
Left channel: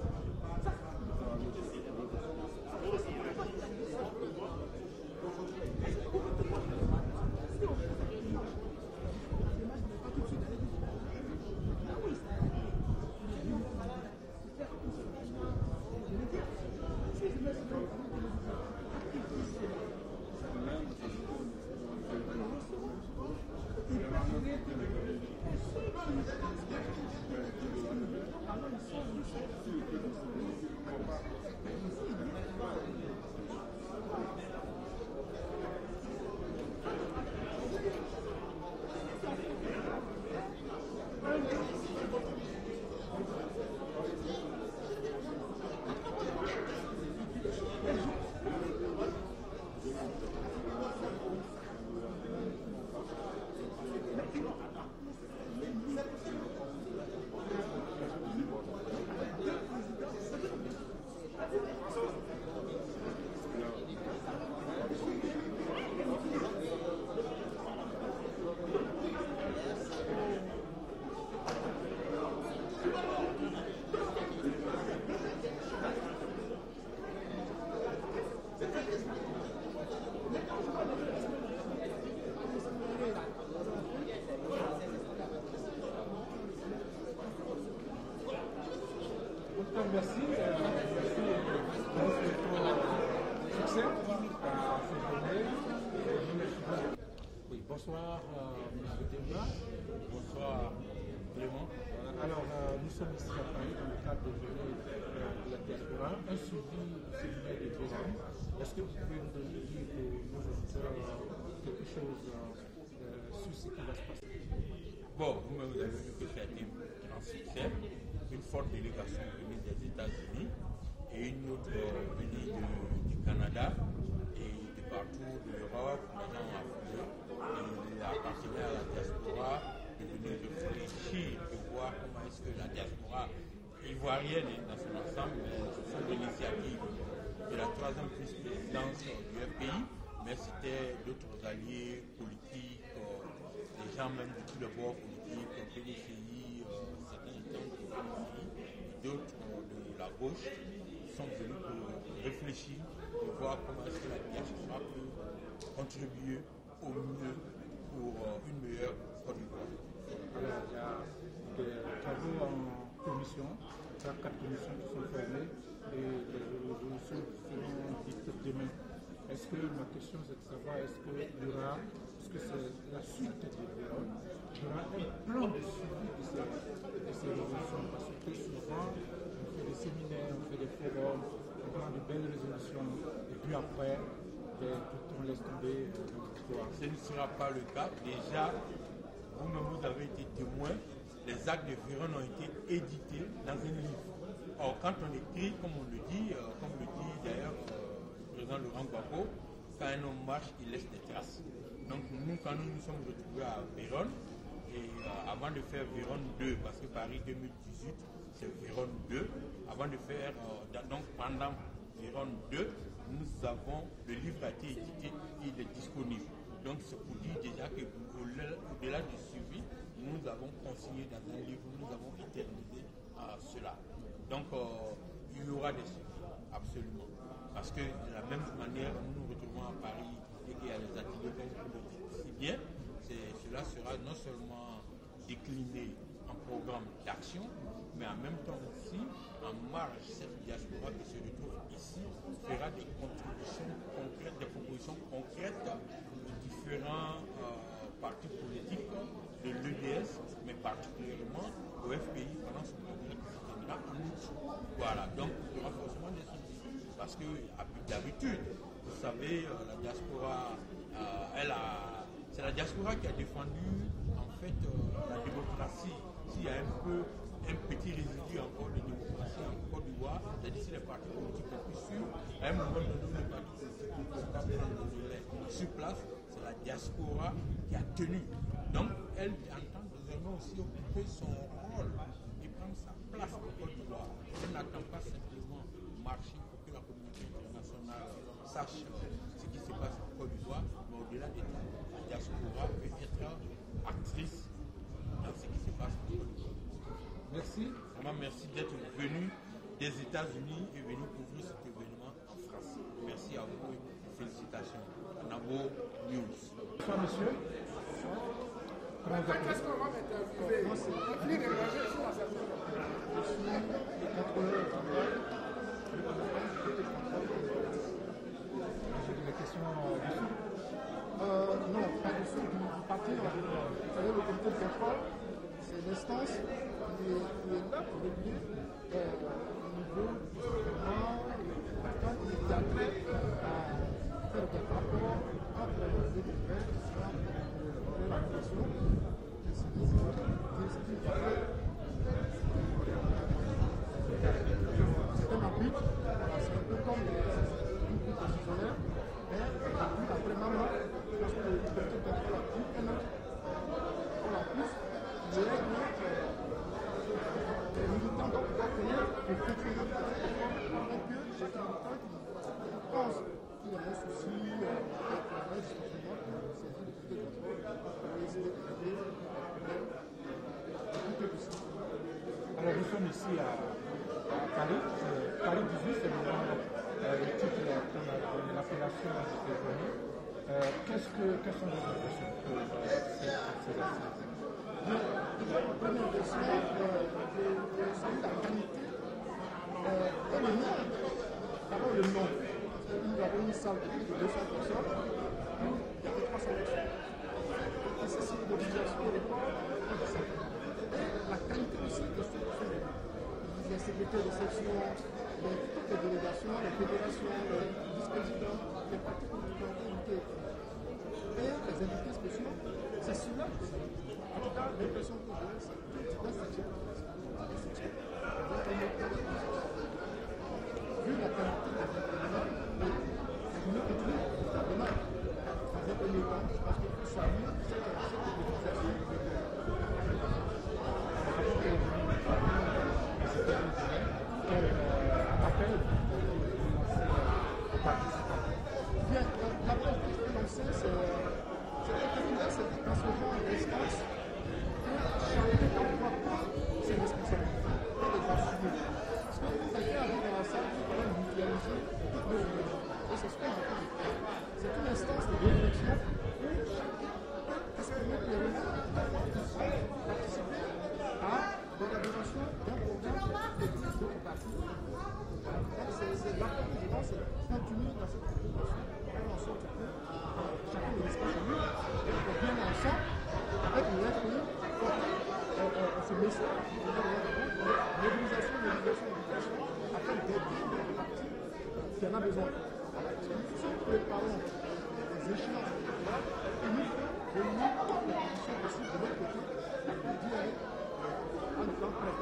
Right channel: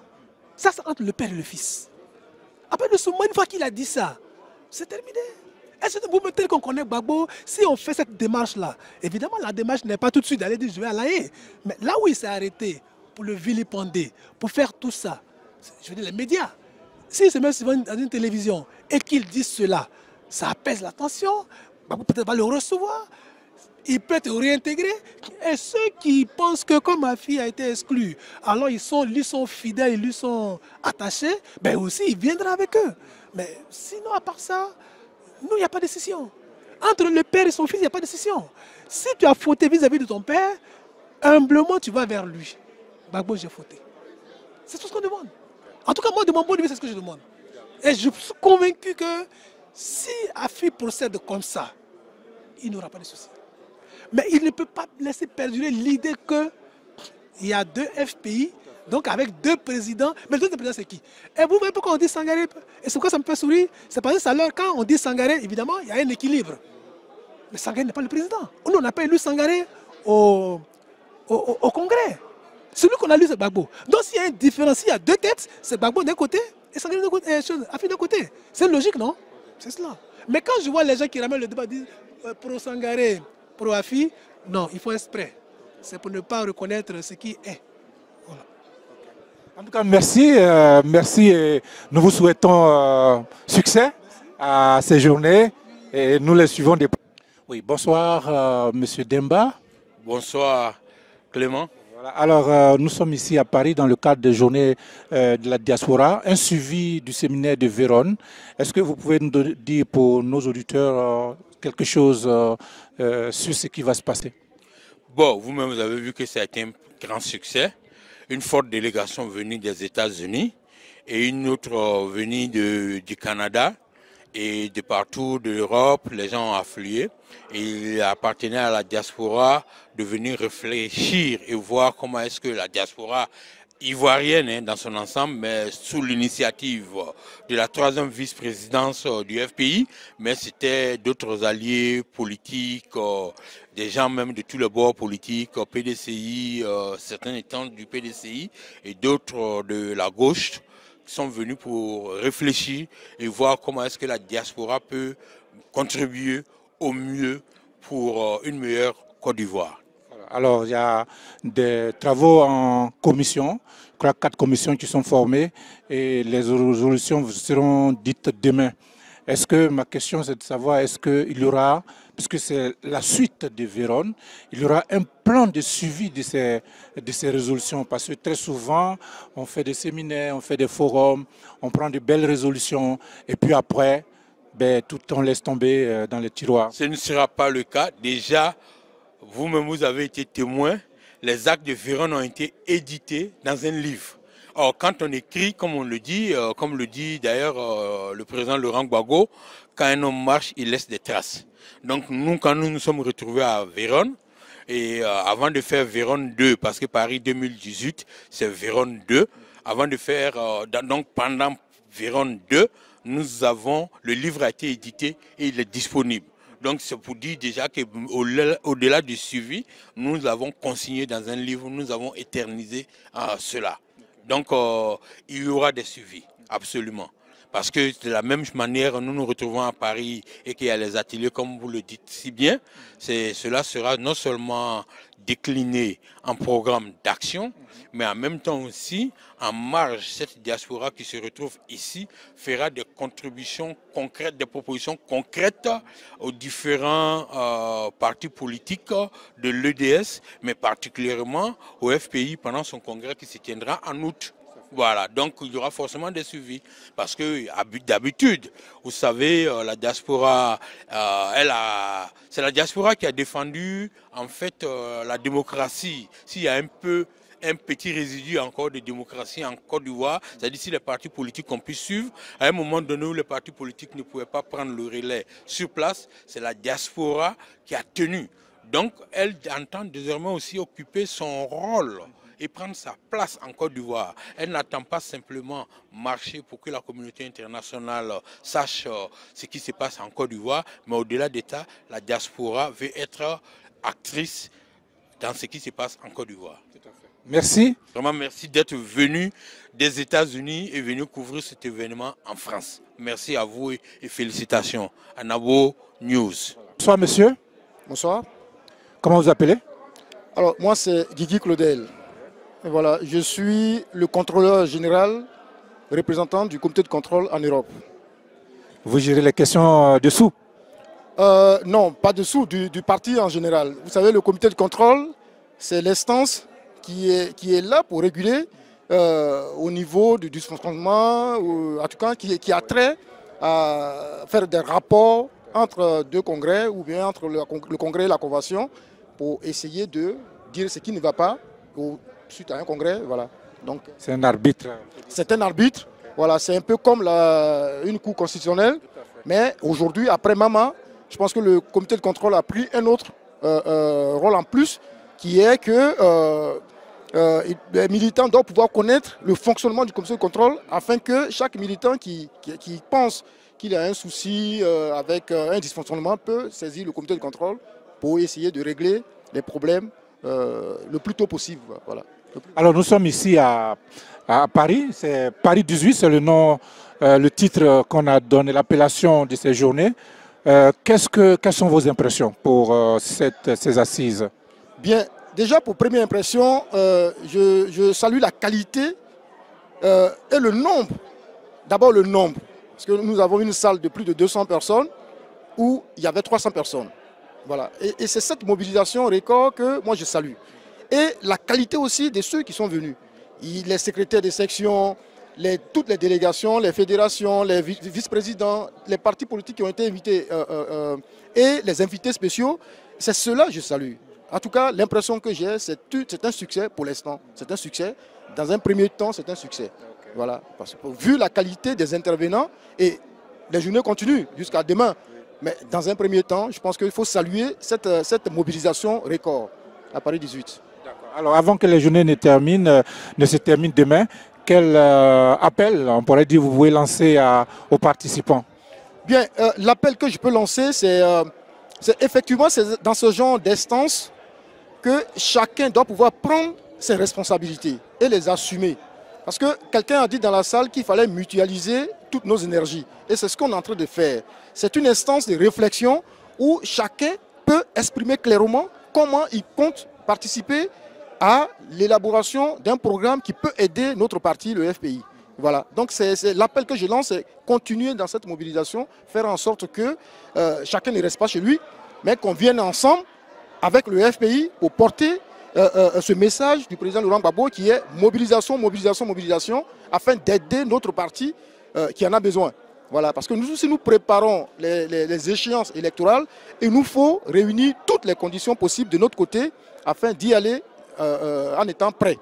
Ça, c'est entre le père et le fils. Après le moment, une fois qu'il a dit ça, c'est terminé. Est-ce que vous mettez qu'on connaît Gbagbo? Si on fait cette démarche-là, évidemment, la démarche n'est pas tout de suite d'aller dire je vais à La Haye. Mais là où il s'est arrêté pour le vilipender, pour faire tout ça, je veux dire les médias, s'il se met dans une télévision et qu'il dit cela, ça apaise l'attention, Gbagbo peut-être va le recevoir, il peut être réintégré. Et ceux qui pensent que comme ma fille a été exclue, alors lui sont fidèles, ils lui sont attachés, ben aussi il viendra avec eux. Mais sinon, à part ça, nous, il n'y a pas de décision. Entre le père et son fils, il n'y a pas de décision. Si tu as fauté vis-à-vis de ton père, humblement, tu vas vers lui. Gbagbo, j'ai fauté. C'est tout ce qu'on demande. En tout cas, moi, de mon point de vue, c'est ce que je demande. Et je suis convaincu que si Afi procède comme ça, il n'aura pas de souci. Mais il ne peut pas laisser perdurer l'idée qu'il y a 2 FPI, donc avec 2 présidents. Mais le 2 présidents, c'est qui? Et vous voyez pourquoi on dit Sangaré? Et c'est pourquoi ça me fait sourire? C'est parce que alors, quand on dit Sangaré, évidemment, il y a un équilibre. Mais Sangaré n'est pas le président. Nous, on n'a pas élu Sangaré au Congrès. Celui qu'on a lu, c'est Gbagbo. Donc s'il y a une différence, il y a 2 têtes, c'est Gbagbo d'un côté et Sangaré d'un côté, Afi d'un côté. C'est logique, non? C'est cela. Mais quand je vois les gens qui ramènent le débat, disent pro Sangaré, pro Afi, non, il faut exprès. C'est pour ne pas reconnaître ce qui est. Voilà. En tout cas, merci. Merci et nous vous souhaitons succès à ces journées et nous les suivons des... Oui, bonsoir Monsieur Demba. Bonsoir Clément. Voilà. Alors nous sommes ici à Paris dans le cadre des journées de la diaspora, un suivi du séminaire de Vérone. Est-ce que vous pouvez nous dire pour nos auditeurs quelque chose sur ce qui va se passer? Bon, vous-même vous avez vu que ça a été un grand succès. Une forte délégation venue des États-Unis et une autre venue du Canada et de partout de l'Europe. Les gens ont afflué. Et il appartenait à la diaspora de venir réfléchir et voir comment est-ce que la diaspora ivoirienne dans son ensemble, mais sous l'initiative de la 3e vice-présidence du FPI, mais c'était d'autres alliés politiques, des gens même de tous les bords politiques, PDCI, certains étant du PDCI et d'autres de la gauche, qui sont venus pour réfléchir et voir comment est-ce que la diaspora peut contribuer au mieux pour une meilleure Côte d'Ivoire. Alors, il y a des travaux en commission, je crois 4 commissions qui sont formées et les résolutions seront dites demain. Est-ce que, ma question c'est de savoir, est-ce qu'il y aura, puisque c'est la suite de Vérone, il y aura un plan de suivi de ces résolutions? Parce que très souvent, on fait des séminaires, on fait des forums, on prend de belles résolutions et puis après, tout on laisse tomber dans les tiroirs. Ce ne sera pas le cas. Déjà, vous-même, vous avez été témoin. Les actes de Vérone ont été édités dans un livre. Or, quand on écrit, comme on le dit, comme le dit d'ailleurs le président Laurent Gbagbo, quand un homme marche, il laisse des traces. Donc nous, quand nous nous sommes retrouvés à Vérone, et avant de faire Vérone 2, parce que Paris 2018, c'est Vérone 2, avant de faire, donc pendant Vérone 2, le livre a été édité et il est disponible. Donc c'est pour dire déjà qu'au-delà du suivi, nous avons consigné dans un livre, nous avons éternisé cela. Donc il y aura des suivis, absolument. Parce que de la même manière, nous nous retrouvons à Paris et qu'il y a les ateliers, comme vous le dites si bien, cela sera non seulement décliné en programme d'action, mais en même temps aussi, en marge, cette diaspora qui se retrouve ici fera des contributions concrètes, des propositions concrètes aux différents partis politiques de l'EDS, mais particulièrement au FPI pendant son congrès qui se tiendra en août. Voilà, donc il y aura forcément des suivis. Parce que d'habitude, vous savez, la diaspora, c'est la diaspora qui a défendu en fait la démocratie. S'il y a un petit résidu encore de démocratie en Côte d'Ivoire, c'est-à-dire si les partis politiques ont pu suivre, à un moment donné où les partis politiques ne pouvaient pas prendre le relais sur place, c'est la diaspora qui a tenu. Donc elle entend désormais aussi occuper son rôle et prendre sa place en Côte d'Ivoire. Elle n'attend pas simplement marcher pour que la communauté internationale sache ce qui se passe en Côte d'Ivoire, mais au-delà d'État, la diaspora veut être actrice dans ce qui se passe en Côte d'Ivoire. Merci. Vraiment merci d'être venu des États-Unis et venu couvrir cet événement en France. Merci à vous et félicitations. Anabo News. Bonsoir monsieur. Bonsoir. Comment vous appelez? Alors moi c'est Guigui Claudel. Voilà, je suis le contrôleur général représentant du comité de contrôle en Europe. Vous gérez les questions dessous? Non, pas dessous, du parti en général. Vous savez, le comité de contrôle, c'est l'instance qui est là pour réguler au niveau du dysfonctionnement, en tout cas qui a trait à faire des rapports entre 2 congrès ou bien entre le congrès et la convention pour essayer de dire ce qui ne va pas suite à un congrès. Voilà. Donc, c'est un arbitre. C'est un arbitre. Voilà, c'est un peu comme une cour constitutionnelle. Mais aujourd'hui, après Mama, je pense que le comité de contrôle a pris un autre rôle en plus, qui est que les militants doivent pouvoir connaître le fonctionnement du comité de contrôle afin que chaque militant qui pense qu'il a un souci avec un dysfonctionnement peut saisir le comité de contrôle pour essayer de régler les problèmes le plus tôt possible. Voilà. Alors nous sommes ici à Paris, c'est Paris 18, c'est le nom, le titre qu'on a donné, l'appellation de ces journées. Quelles sont vos impressions pour ces assises? Bien, déjà pour première impression, je salue la qualité et le nombre. D'abord le nombre, parce que nous avons une salle de plus de 200 personnes où il y avait 300 personnes. Voilà. Et c'est cette mobilisation record que moi je salue. Et la qualité aussi de ceux qui sont venus. Les secrétaires des sections, toutes les délégations, les fédérations, les vice-présidents, les partis politiques qui ont été invités et les invités spéciaux, c'est cela que je salue. En tout cas, l'impression que j'ai, c'est un succès pour l'instant. C'est un succès. Dans un premier temps, c'est un succès. Voilà. Parce que vu la qualité des intervenants, et les journées continuent jusqu'à demain, mais dans un premier temps, je pense qu'il faut saluer cette mobilisation record à Paris 18. Alors avant que les journées ne se terminent demain, quel appel, on pourrait dire, vous pouvez lancer aux participants? Bien, l'appel que je peux lancer, c'est effectivement dans ce genre d'instance que chacun doit pouvoir prendre ses responsabilités et les assumer. Parce que quelqu'un a dit dans la salle qu'il fallait mutualiser toutes nos énergies. Et c'est ce qu'on est en train de faire. C'est une instance de réflexion où chacun peut exprimer clairement comment il compte participer à l'élaboration d'un programme qui peut aider notre parti, le FPI. Voilà. Donc c'est l'appel que je lance, c'est continuer dans cette mobilisation, faire en sorte que chacun ne reste pas chez lui, mais qu'on vienne ensemble avec le FPI pour porter ce message du président Laurent Gbagbo qui est mobilisation, mobilisation, mobilisation, afin d'aider notre parti qui en a besoin. Voilà, parce que nous, si nous préparons les échéances électorales, il nous faut réunir toutes les conditions possibles de notre côté afin d'y aller en étant prêts.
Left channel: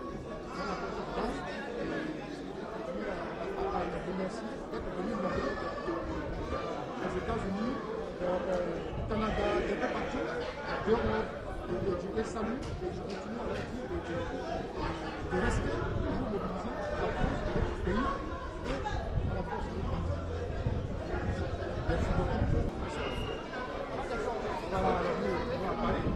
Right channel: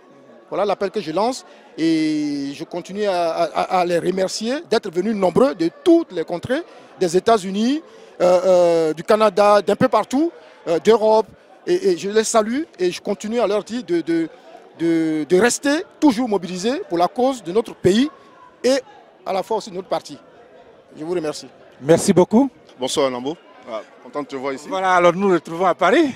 Voilà l'appel que je lance et je continue à les remercier d'être venus nombreux de toutes les contrées, des États-Unis, du Canada, d'un peu partout, d'Europe. Et je les salue et je continue à leur dire de rester toujours mobilisés pour la cause de notre pays et à la fois aussi de notre parti. Je vous remercie. Merci beaucoup. Bonsoir Nambo. Content de te voir ici. Voilà, alors nous nous retrouvons à Paris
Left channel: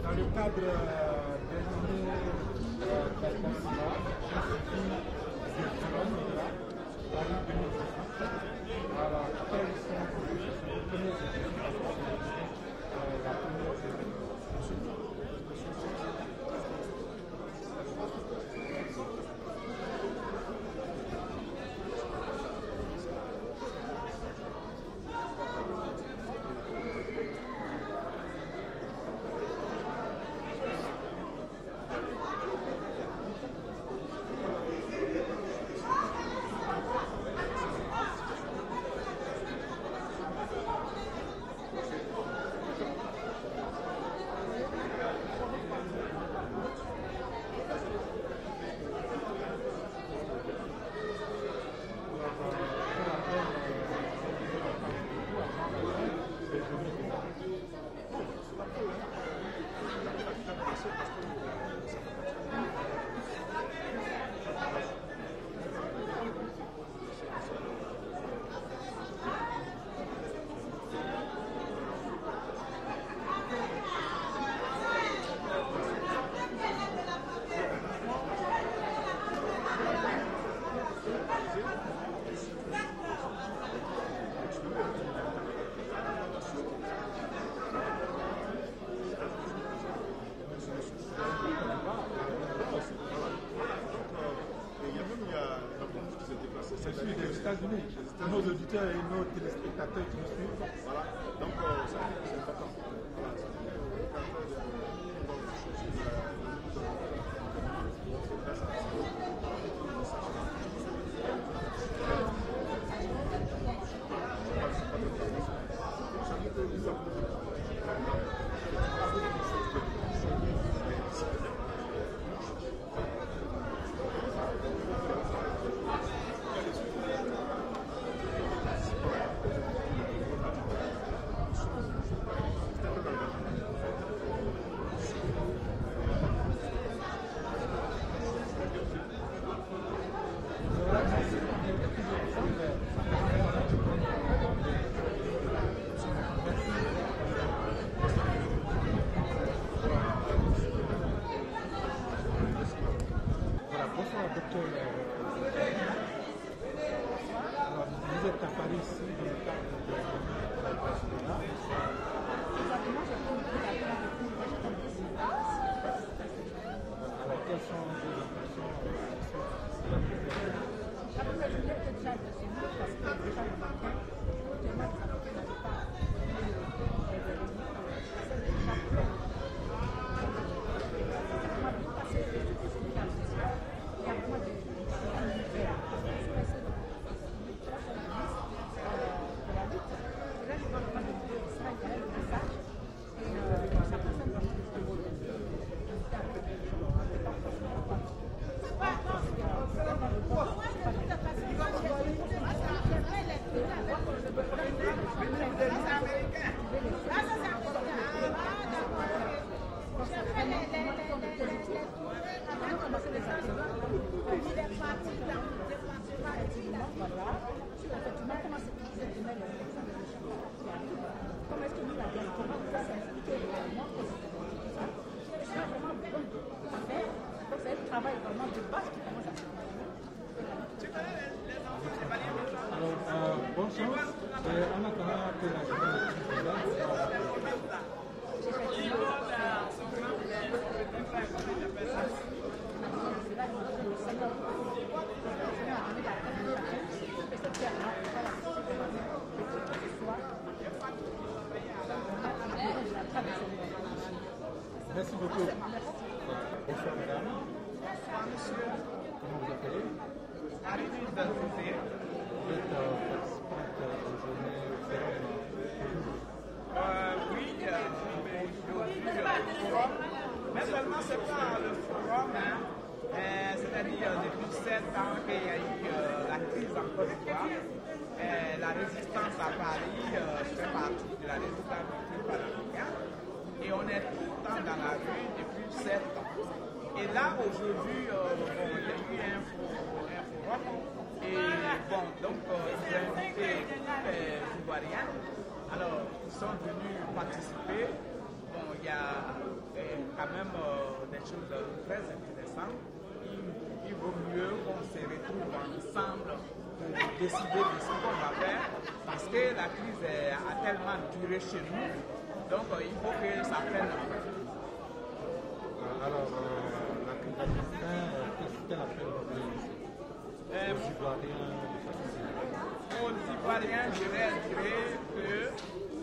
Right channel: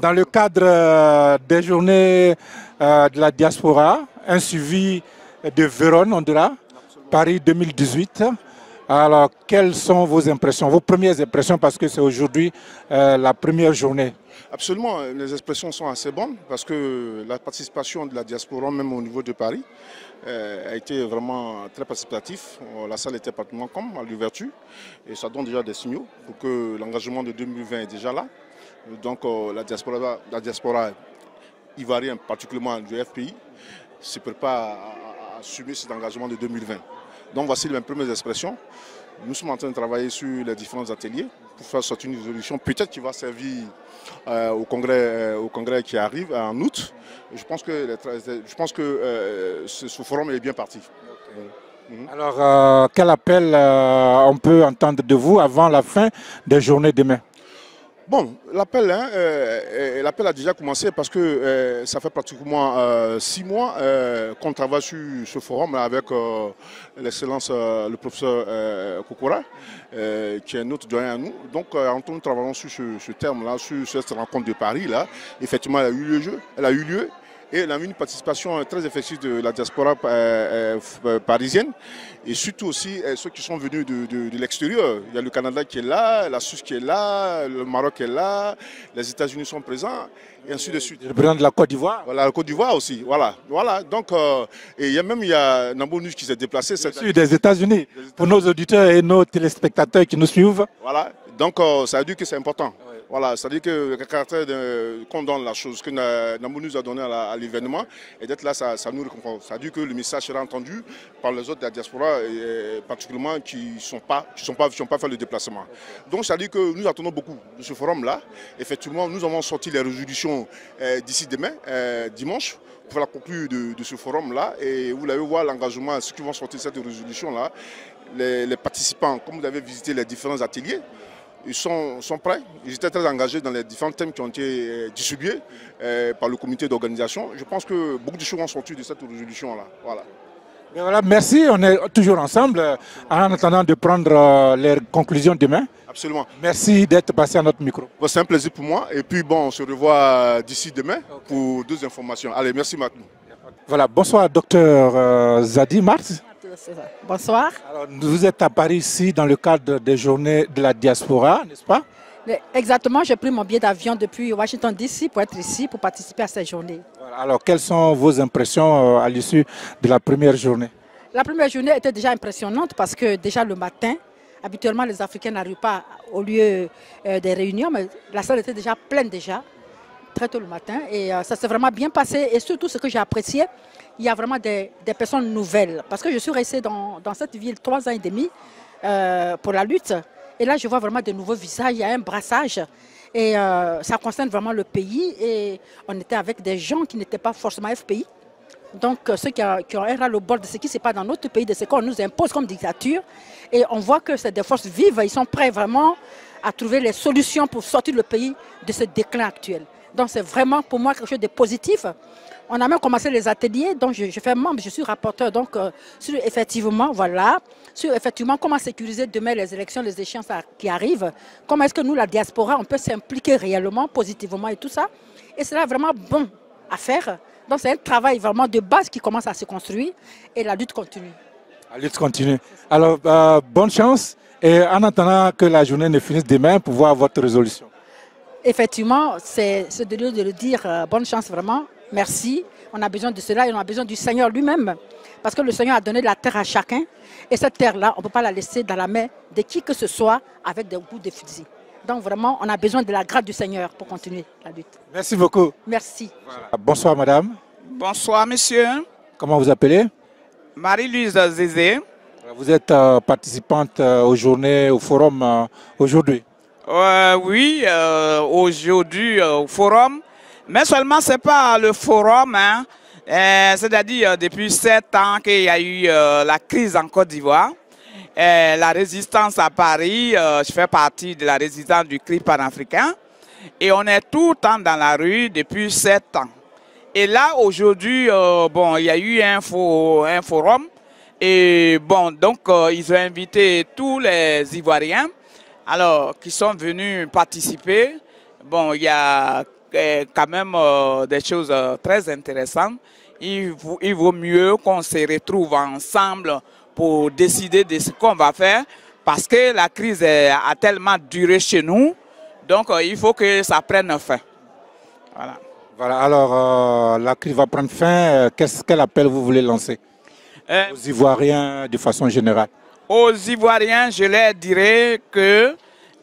dans le cadre des journées de la diaspora, un suivi de Vérone, on dira, Paris 2018. Alors, quelles sont vos impressions, vos premières impressions, parce que c'est aujourd'hui la première journée? Absolument, les expressions sont assez bonnes parce que la participation de la diaspora, même au niveau de Paris, a été vraiment très participative. La salle était pratiquement comme à l'ouverture et ça donne déjà des signaux pour que l'engagement de 2020 est déjà là. Donc la diaspora ivoirienne, particulièrement du FPI, se prépare à assumer cet engagement de 2020. Donc voici les premières expressions. Nous sommes en train de travailler sur les différents ateliers pour faire sortir une résolution peut-être qui va servir au congrès qui arrive en août. Et je pense que ce forum est bien parti. Alors, quel appel on peut entendre de vous avant la fin des journées demain? Bon, l'appel a déjà commencé parce que ça fait pratiquement 6 mois qu'on travaille sur ce forum avec l'excellence, le professeur Kokora, qui est notre doyen à nous. Donc, nous travaillons sur ce terme-là, sur cette rencontre de Paris. Là. Effectivement, elle a eu lieu et elle a eu une participation très effective de la diaspora parisienne. Et surtout aussi ceux qui sont venus de l'extérieur. Il y a le Canada qui est là, la Suisse qui est là, le Maroc est là, les États-Unis sont présents, et ainsi de suite. Le président de la Côte d'Ivoire. Voilà, la Côte d'Ivoire aussi. Voilà. Donc, et il y a Nambo Nuge qui s'est déplacé. C'est des États-Unis, pour nos auditeurs et nos téléspectateurs qui nous suivent. Voilà, donc ça veut dire que c'est important. Voilà, c'est-à-dire que le caractère qu'on donne la chose que Nambo nous a donné à l'événement, et d'être là, ça nous réconforte. Ça veut dire que le message sera entendu par les autres de la diaspora, et particulièrement qui n'ont pas fait le déplacement. Donc ça veut dire que nous attendons beaucoup de ce forum-là. Effectivement, nous avons sorti les résolutions d'ici demain, dimanche, pour la conclure de ce forum-là. Et vous allez voir l'engagement, ceux qui vont sortir cette résolution-là, les participants, comme vous avez visité les différents ateliers, ils sont prêts. Ils étaient très engagés dans les différents thèmes qui ont été distribués par le comité d'organisation. Je pense que beaucoup de choses ont sorti de cette résolution-là. Voilà. Mais voilà, merci, on est toujours ensemble en attendant de prendre les conclusions demain. Absolument. Merci d'être passé à notre micro. Bon, c'est un plaisir pour moi. Et puis bon, on se revoit d'ici demain pour d'autres informations. Allez, merci Marc. Voilà, bonsoir docteur Zadi Marx. Bonsoir. Alors, vous êtes à Paris ici dans le cadre des journées de la diaspora, n'est-ce pas? Exactement, j'ai pris mon billet d'avion depuis Washington DC pour être ici, pour participer à cette journée. Alors, quelles sont vos impressions à l'issue de la première journée? La première journée était déjà impressionnante parce que déjà le matin, habituellement les Africains n'arrivent pas au lieu des réunions, mais la salle était déjà pleine déjà, très tôt le matin. Et ça s'est vraiment bien passé. Et surtout ce que j'ai apprécié, il y a vraiment des personnes nouvelles. Parce que je suis restée dans cette ville 3 ans et demi pour la lutte. Et là, je vois vraiment de nouveaux visages, il y a un brassage. Et ça concerne vraiment le pays. Et on était avec des gens qui n'étaient pas forcément FPI. Donc ceux qui ont un ras-le-bol de ce qui se passe dans notre pays, de ce qu'on nous impose comme dictature. Et on voit que c'est des forces vives, ils sont prêts vraiment à trouver les solutions pour sortir le pays de ce déclin actuel. Donc c'est vraiment pour moi quelque chose de positif. On a même commencé les ateliers, donc je fais membre, je suis rapporteur donc sur effectivement, voilà, sur effectivement comment sécuriser demain les élections, les échéances qui arrivent. Comment est-ce que nous, la diaspora, on peut s'impliquer réellement, positivement et tout ça. Et c'est là vraiment bon à faire. Donc c'est un travail vraiment de base qui commence à se construire et la lutte continue. La lutte continue. Alors, bonne chance et en attendant que la journée ne finisse demain pour voir votre résolution. Effectivement, c'est de le dire, bonne chance vraiment, merci. On a besoin de cela et on a besoin du Seigneur lui-même. Parce que le Seigneur a donné de la terre à chacun et cette terre-là, on ne peut pas la laisser dans la main de qui que ce soit avec des coups de fusil. Donc vraiment, on a besoin de la grâce du Seigneur pour continuer la lutte. Merci beaucoup. Merci. Bonsoir madame. Bonsoir monsieur. Comment vous appelez? Marie-Louise Zézé. Vous êtes participante aux journées, au forum aujourd'hui? Oui, aujourd'hui au forum. Mais seulement ce n'est pas le forum, hein. C'est-à-dire depuis 7 ans qu'il y a eu la crise en Côte d'Ivoire. La résistance à Paris, je fais partie de la résistance du CRI panafricain. Et on est tout le temps dans la rue depuis 7 ans. Et là, aujourd'hui, bon, il y a eu un forum. Et bon, donc, ils ont invité tous les Ivoiriens alors, qui sont venus participer. Bon, il y a quand même des choses très intéressantes. Il vaut mieux qu'on se retrouve ensemble pour décider de ce qu'on va faire parce que la crise a tellement duré chez nous. Donc, il faut que ça prenne fin. Voilà. Voilà, alors la crise va prendre fin. Quel appel vous voulez lancer aux Ivoiriens de façon générale? Aux Ivoiriens, je leur dirais que,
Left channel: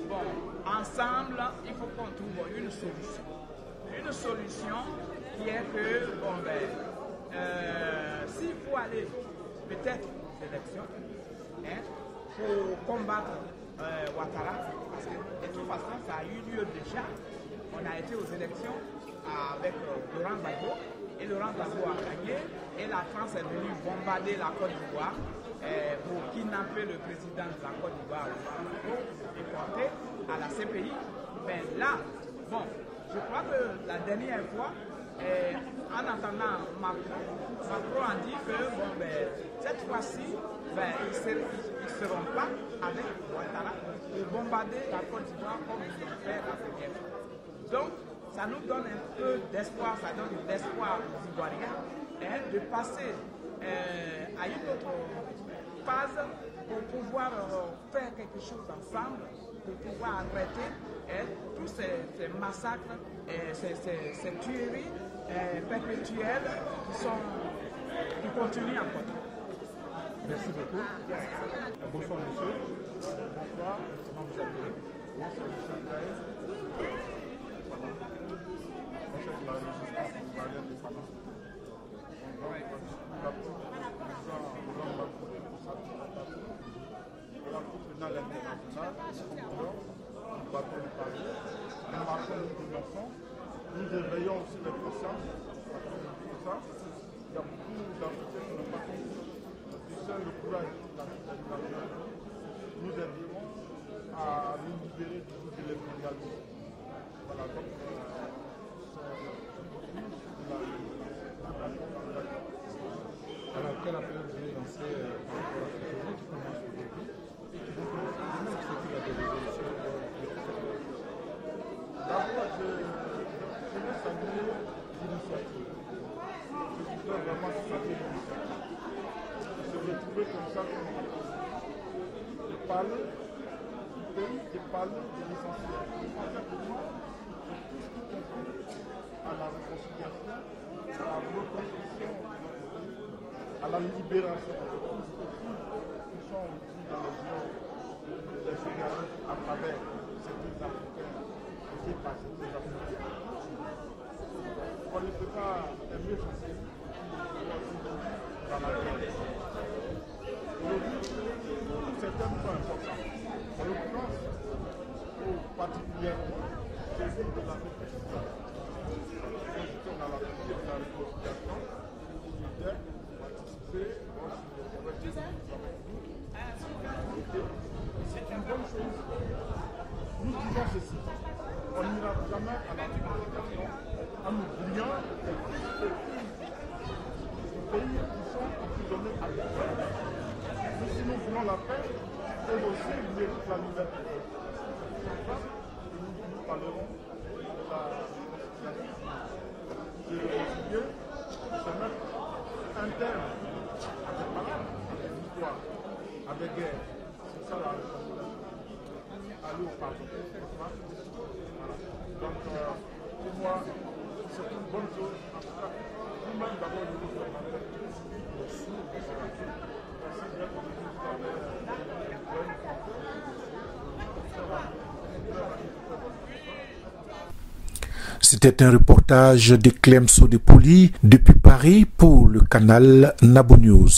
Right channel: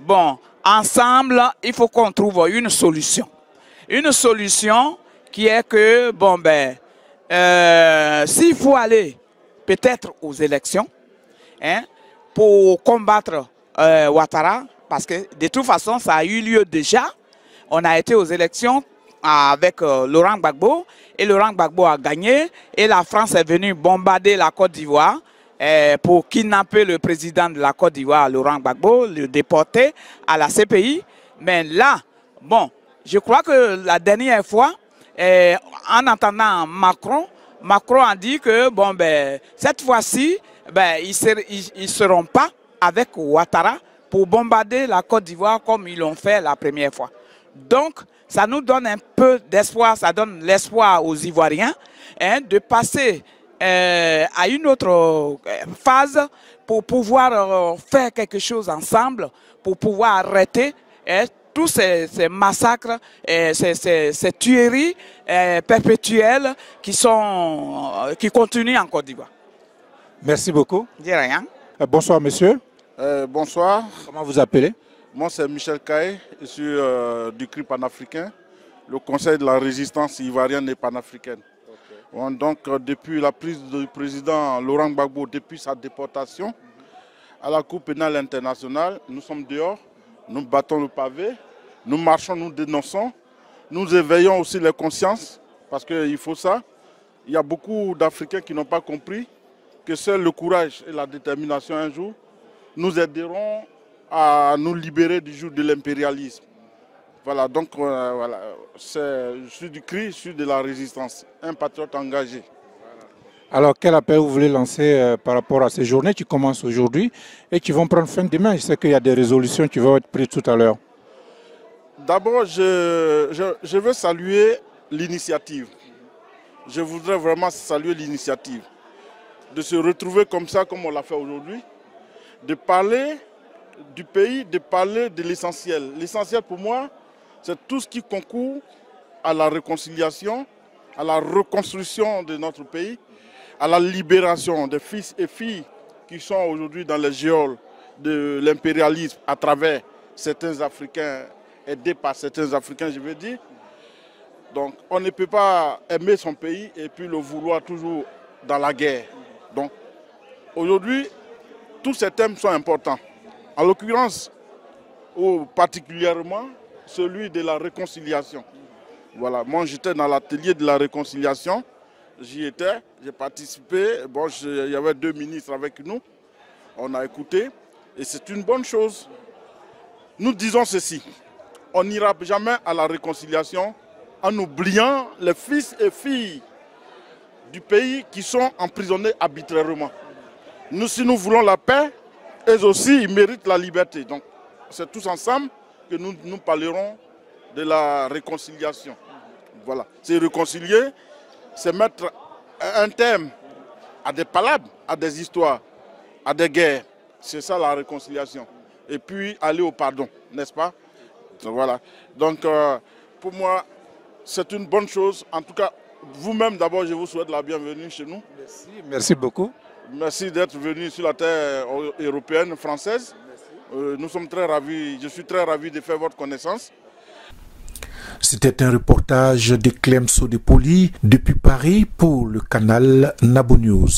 bon, ensemble, il faut qu'on trouve une solution. Une solution qui est que, bon, ben, s'il faut aller peut-être aux élections, hein, pour combattre Ouattara, parce que de toute façon, ça a eu lieu déjà. On a été aux élections avec Laurent Gbagbo et Laurent Gbagbo a gagné et la France est venue bombarder la Côte d'Ivoire pour kidnapper le président de la Côte d'Ivoire, Laurent Gbagbo, le déporter à la CPI. Mais là, bon, je crois que la dernière fois, en entendant Macron a dit que bon, ben, cette fois-ci, ben, ils ne seront pas avec Ouattara pour bombarder la Côte d'Ivoire comme ils l'ont fait la première fois. Donc, ça nous donne un peu d'espoir, ça donne l'espoir aux Ivoiriens hein, de passer à une autre phase pour pouvoir faire quelque chose ensemble, pour pouvoir arrêter tous ces massacres, ces tueries perpétuelles qui continuent en Côte d'Ivoire. Merci beaucoup. De rien. Bonsoir monsieur. Bonsoir. Comment vous appelez? Moi c'est Michel Kaye, je suis du CRI panafricain, le Conseil de la résistance ivoirienne et panafricaine. Bon, donc depuis la prise du président Laurent Gbagbo, depuis sa déportation à la Cour pénale internationale, nous sommes dehors, nous battons le pavé, nous marchons, nous dénonçons, nous éveillons aussi les consciences, parce qu'il faut ça. Il y a beaucoup d'Africains qui n'ont pas compris que seul le courage et la détermination un jour nous aideront à nous libérer du joug de l'impérialisme. Voilà, donc voilà, je suis du CRI, je suis de la résistance, un patriote engagé. Alors, quel appel vous voulez lancer par rapport à ces journées qui commencent aujourd'hui et qui vont prendre fin demain? Je sais qu'il y a des résolutions qui vont être prises tout à l'heure. D'abord, je veux saluer l'initiative. Je voudrais vraiment saluer l'initiative. De se retrouver comme ça, comme on l'a fait aujourd'hui. De parler du pays, de parler de l'essentiel. L'essentiel pour moi, c'est tout ce qui concourt à la réconciliation, à la reconstruction de notre pays, à la libération des fils et filles qui sont aujourd'hui dans les geôles de l'impérialisme à travers certains Africains, aidés par certains Africains, je veux dire. Donc on ne peut pas aimer son pays et puis le vouloir toujours dans la guerre. Donc aujourd'hui, tous ces thèmes sont importants. En l'occurrence, ou particulièrement, celui de la réconciliation. Voilà, moi j'étais dans l'atelier de la réconciliation, j'y étais, j'ai participé, bon, il y avait 2 ministres avec nous, on a écouté, et c'est une bonne chose. Nous disons ceci, on n'ira jamais à la réconciliation en oubliant les fils et filles du pays qui sont emprisonnés arbitrairement. Nous, si nous voulons la paix, eux aussi, ils méritent la liberté. Donc, c'est tous ensemble que nous parlerons de la réconciliation. Voilà. C'est réconcilier, c'est mettre un terme à des palabres, à des histoires, à des guerres. C'est ça la réconciliation. Et puis aller au pardon, n'est-ce pas? Voilà. Donc, pour moi, c'est une bonne chose. En tout cas, vous-même, d'abord, je vous souhaite la bienvenue chez nous. Merci, merci beaucoup. Merci d'être venu sur la terre européenne, française. Nous sommes très ravis, je suis très ravi de faire votre connaissance. C'était un reportage de Clem Sodepoli depuis Paris pour le canal Nabo News.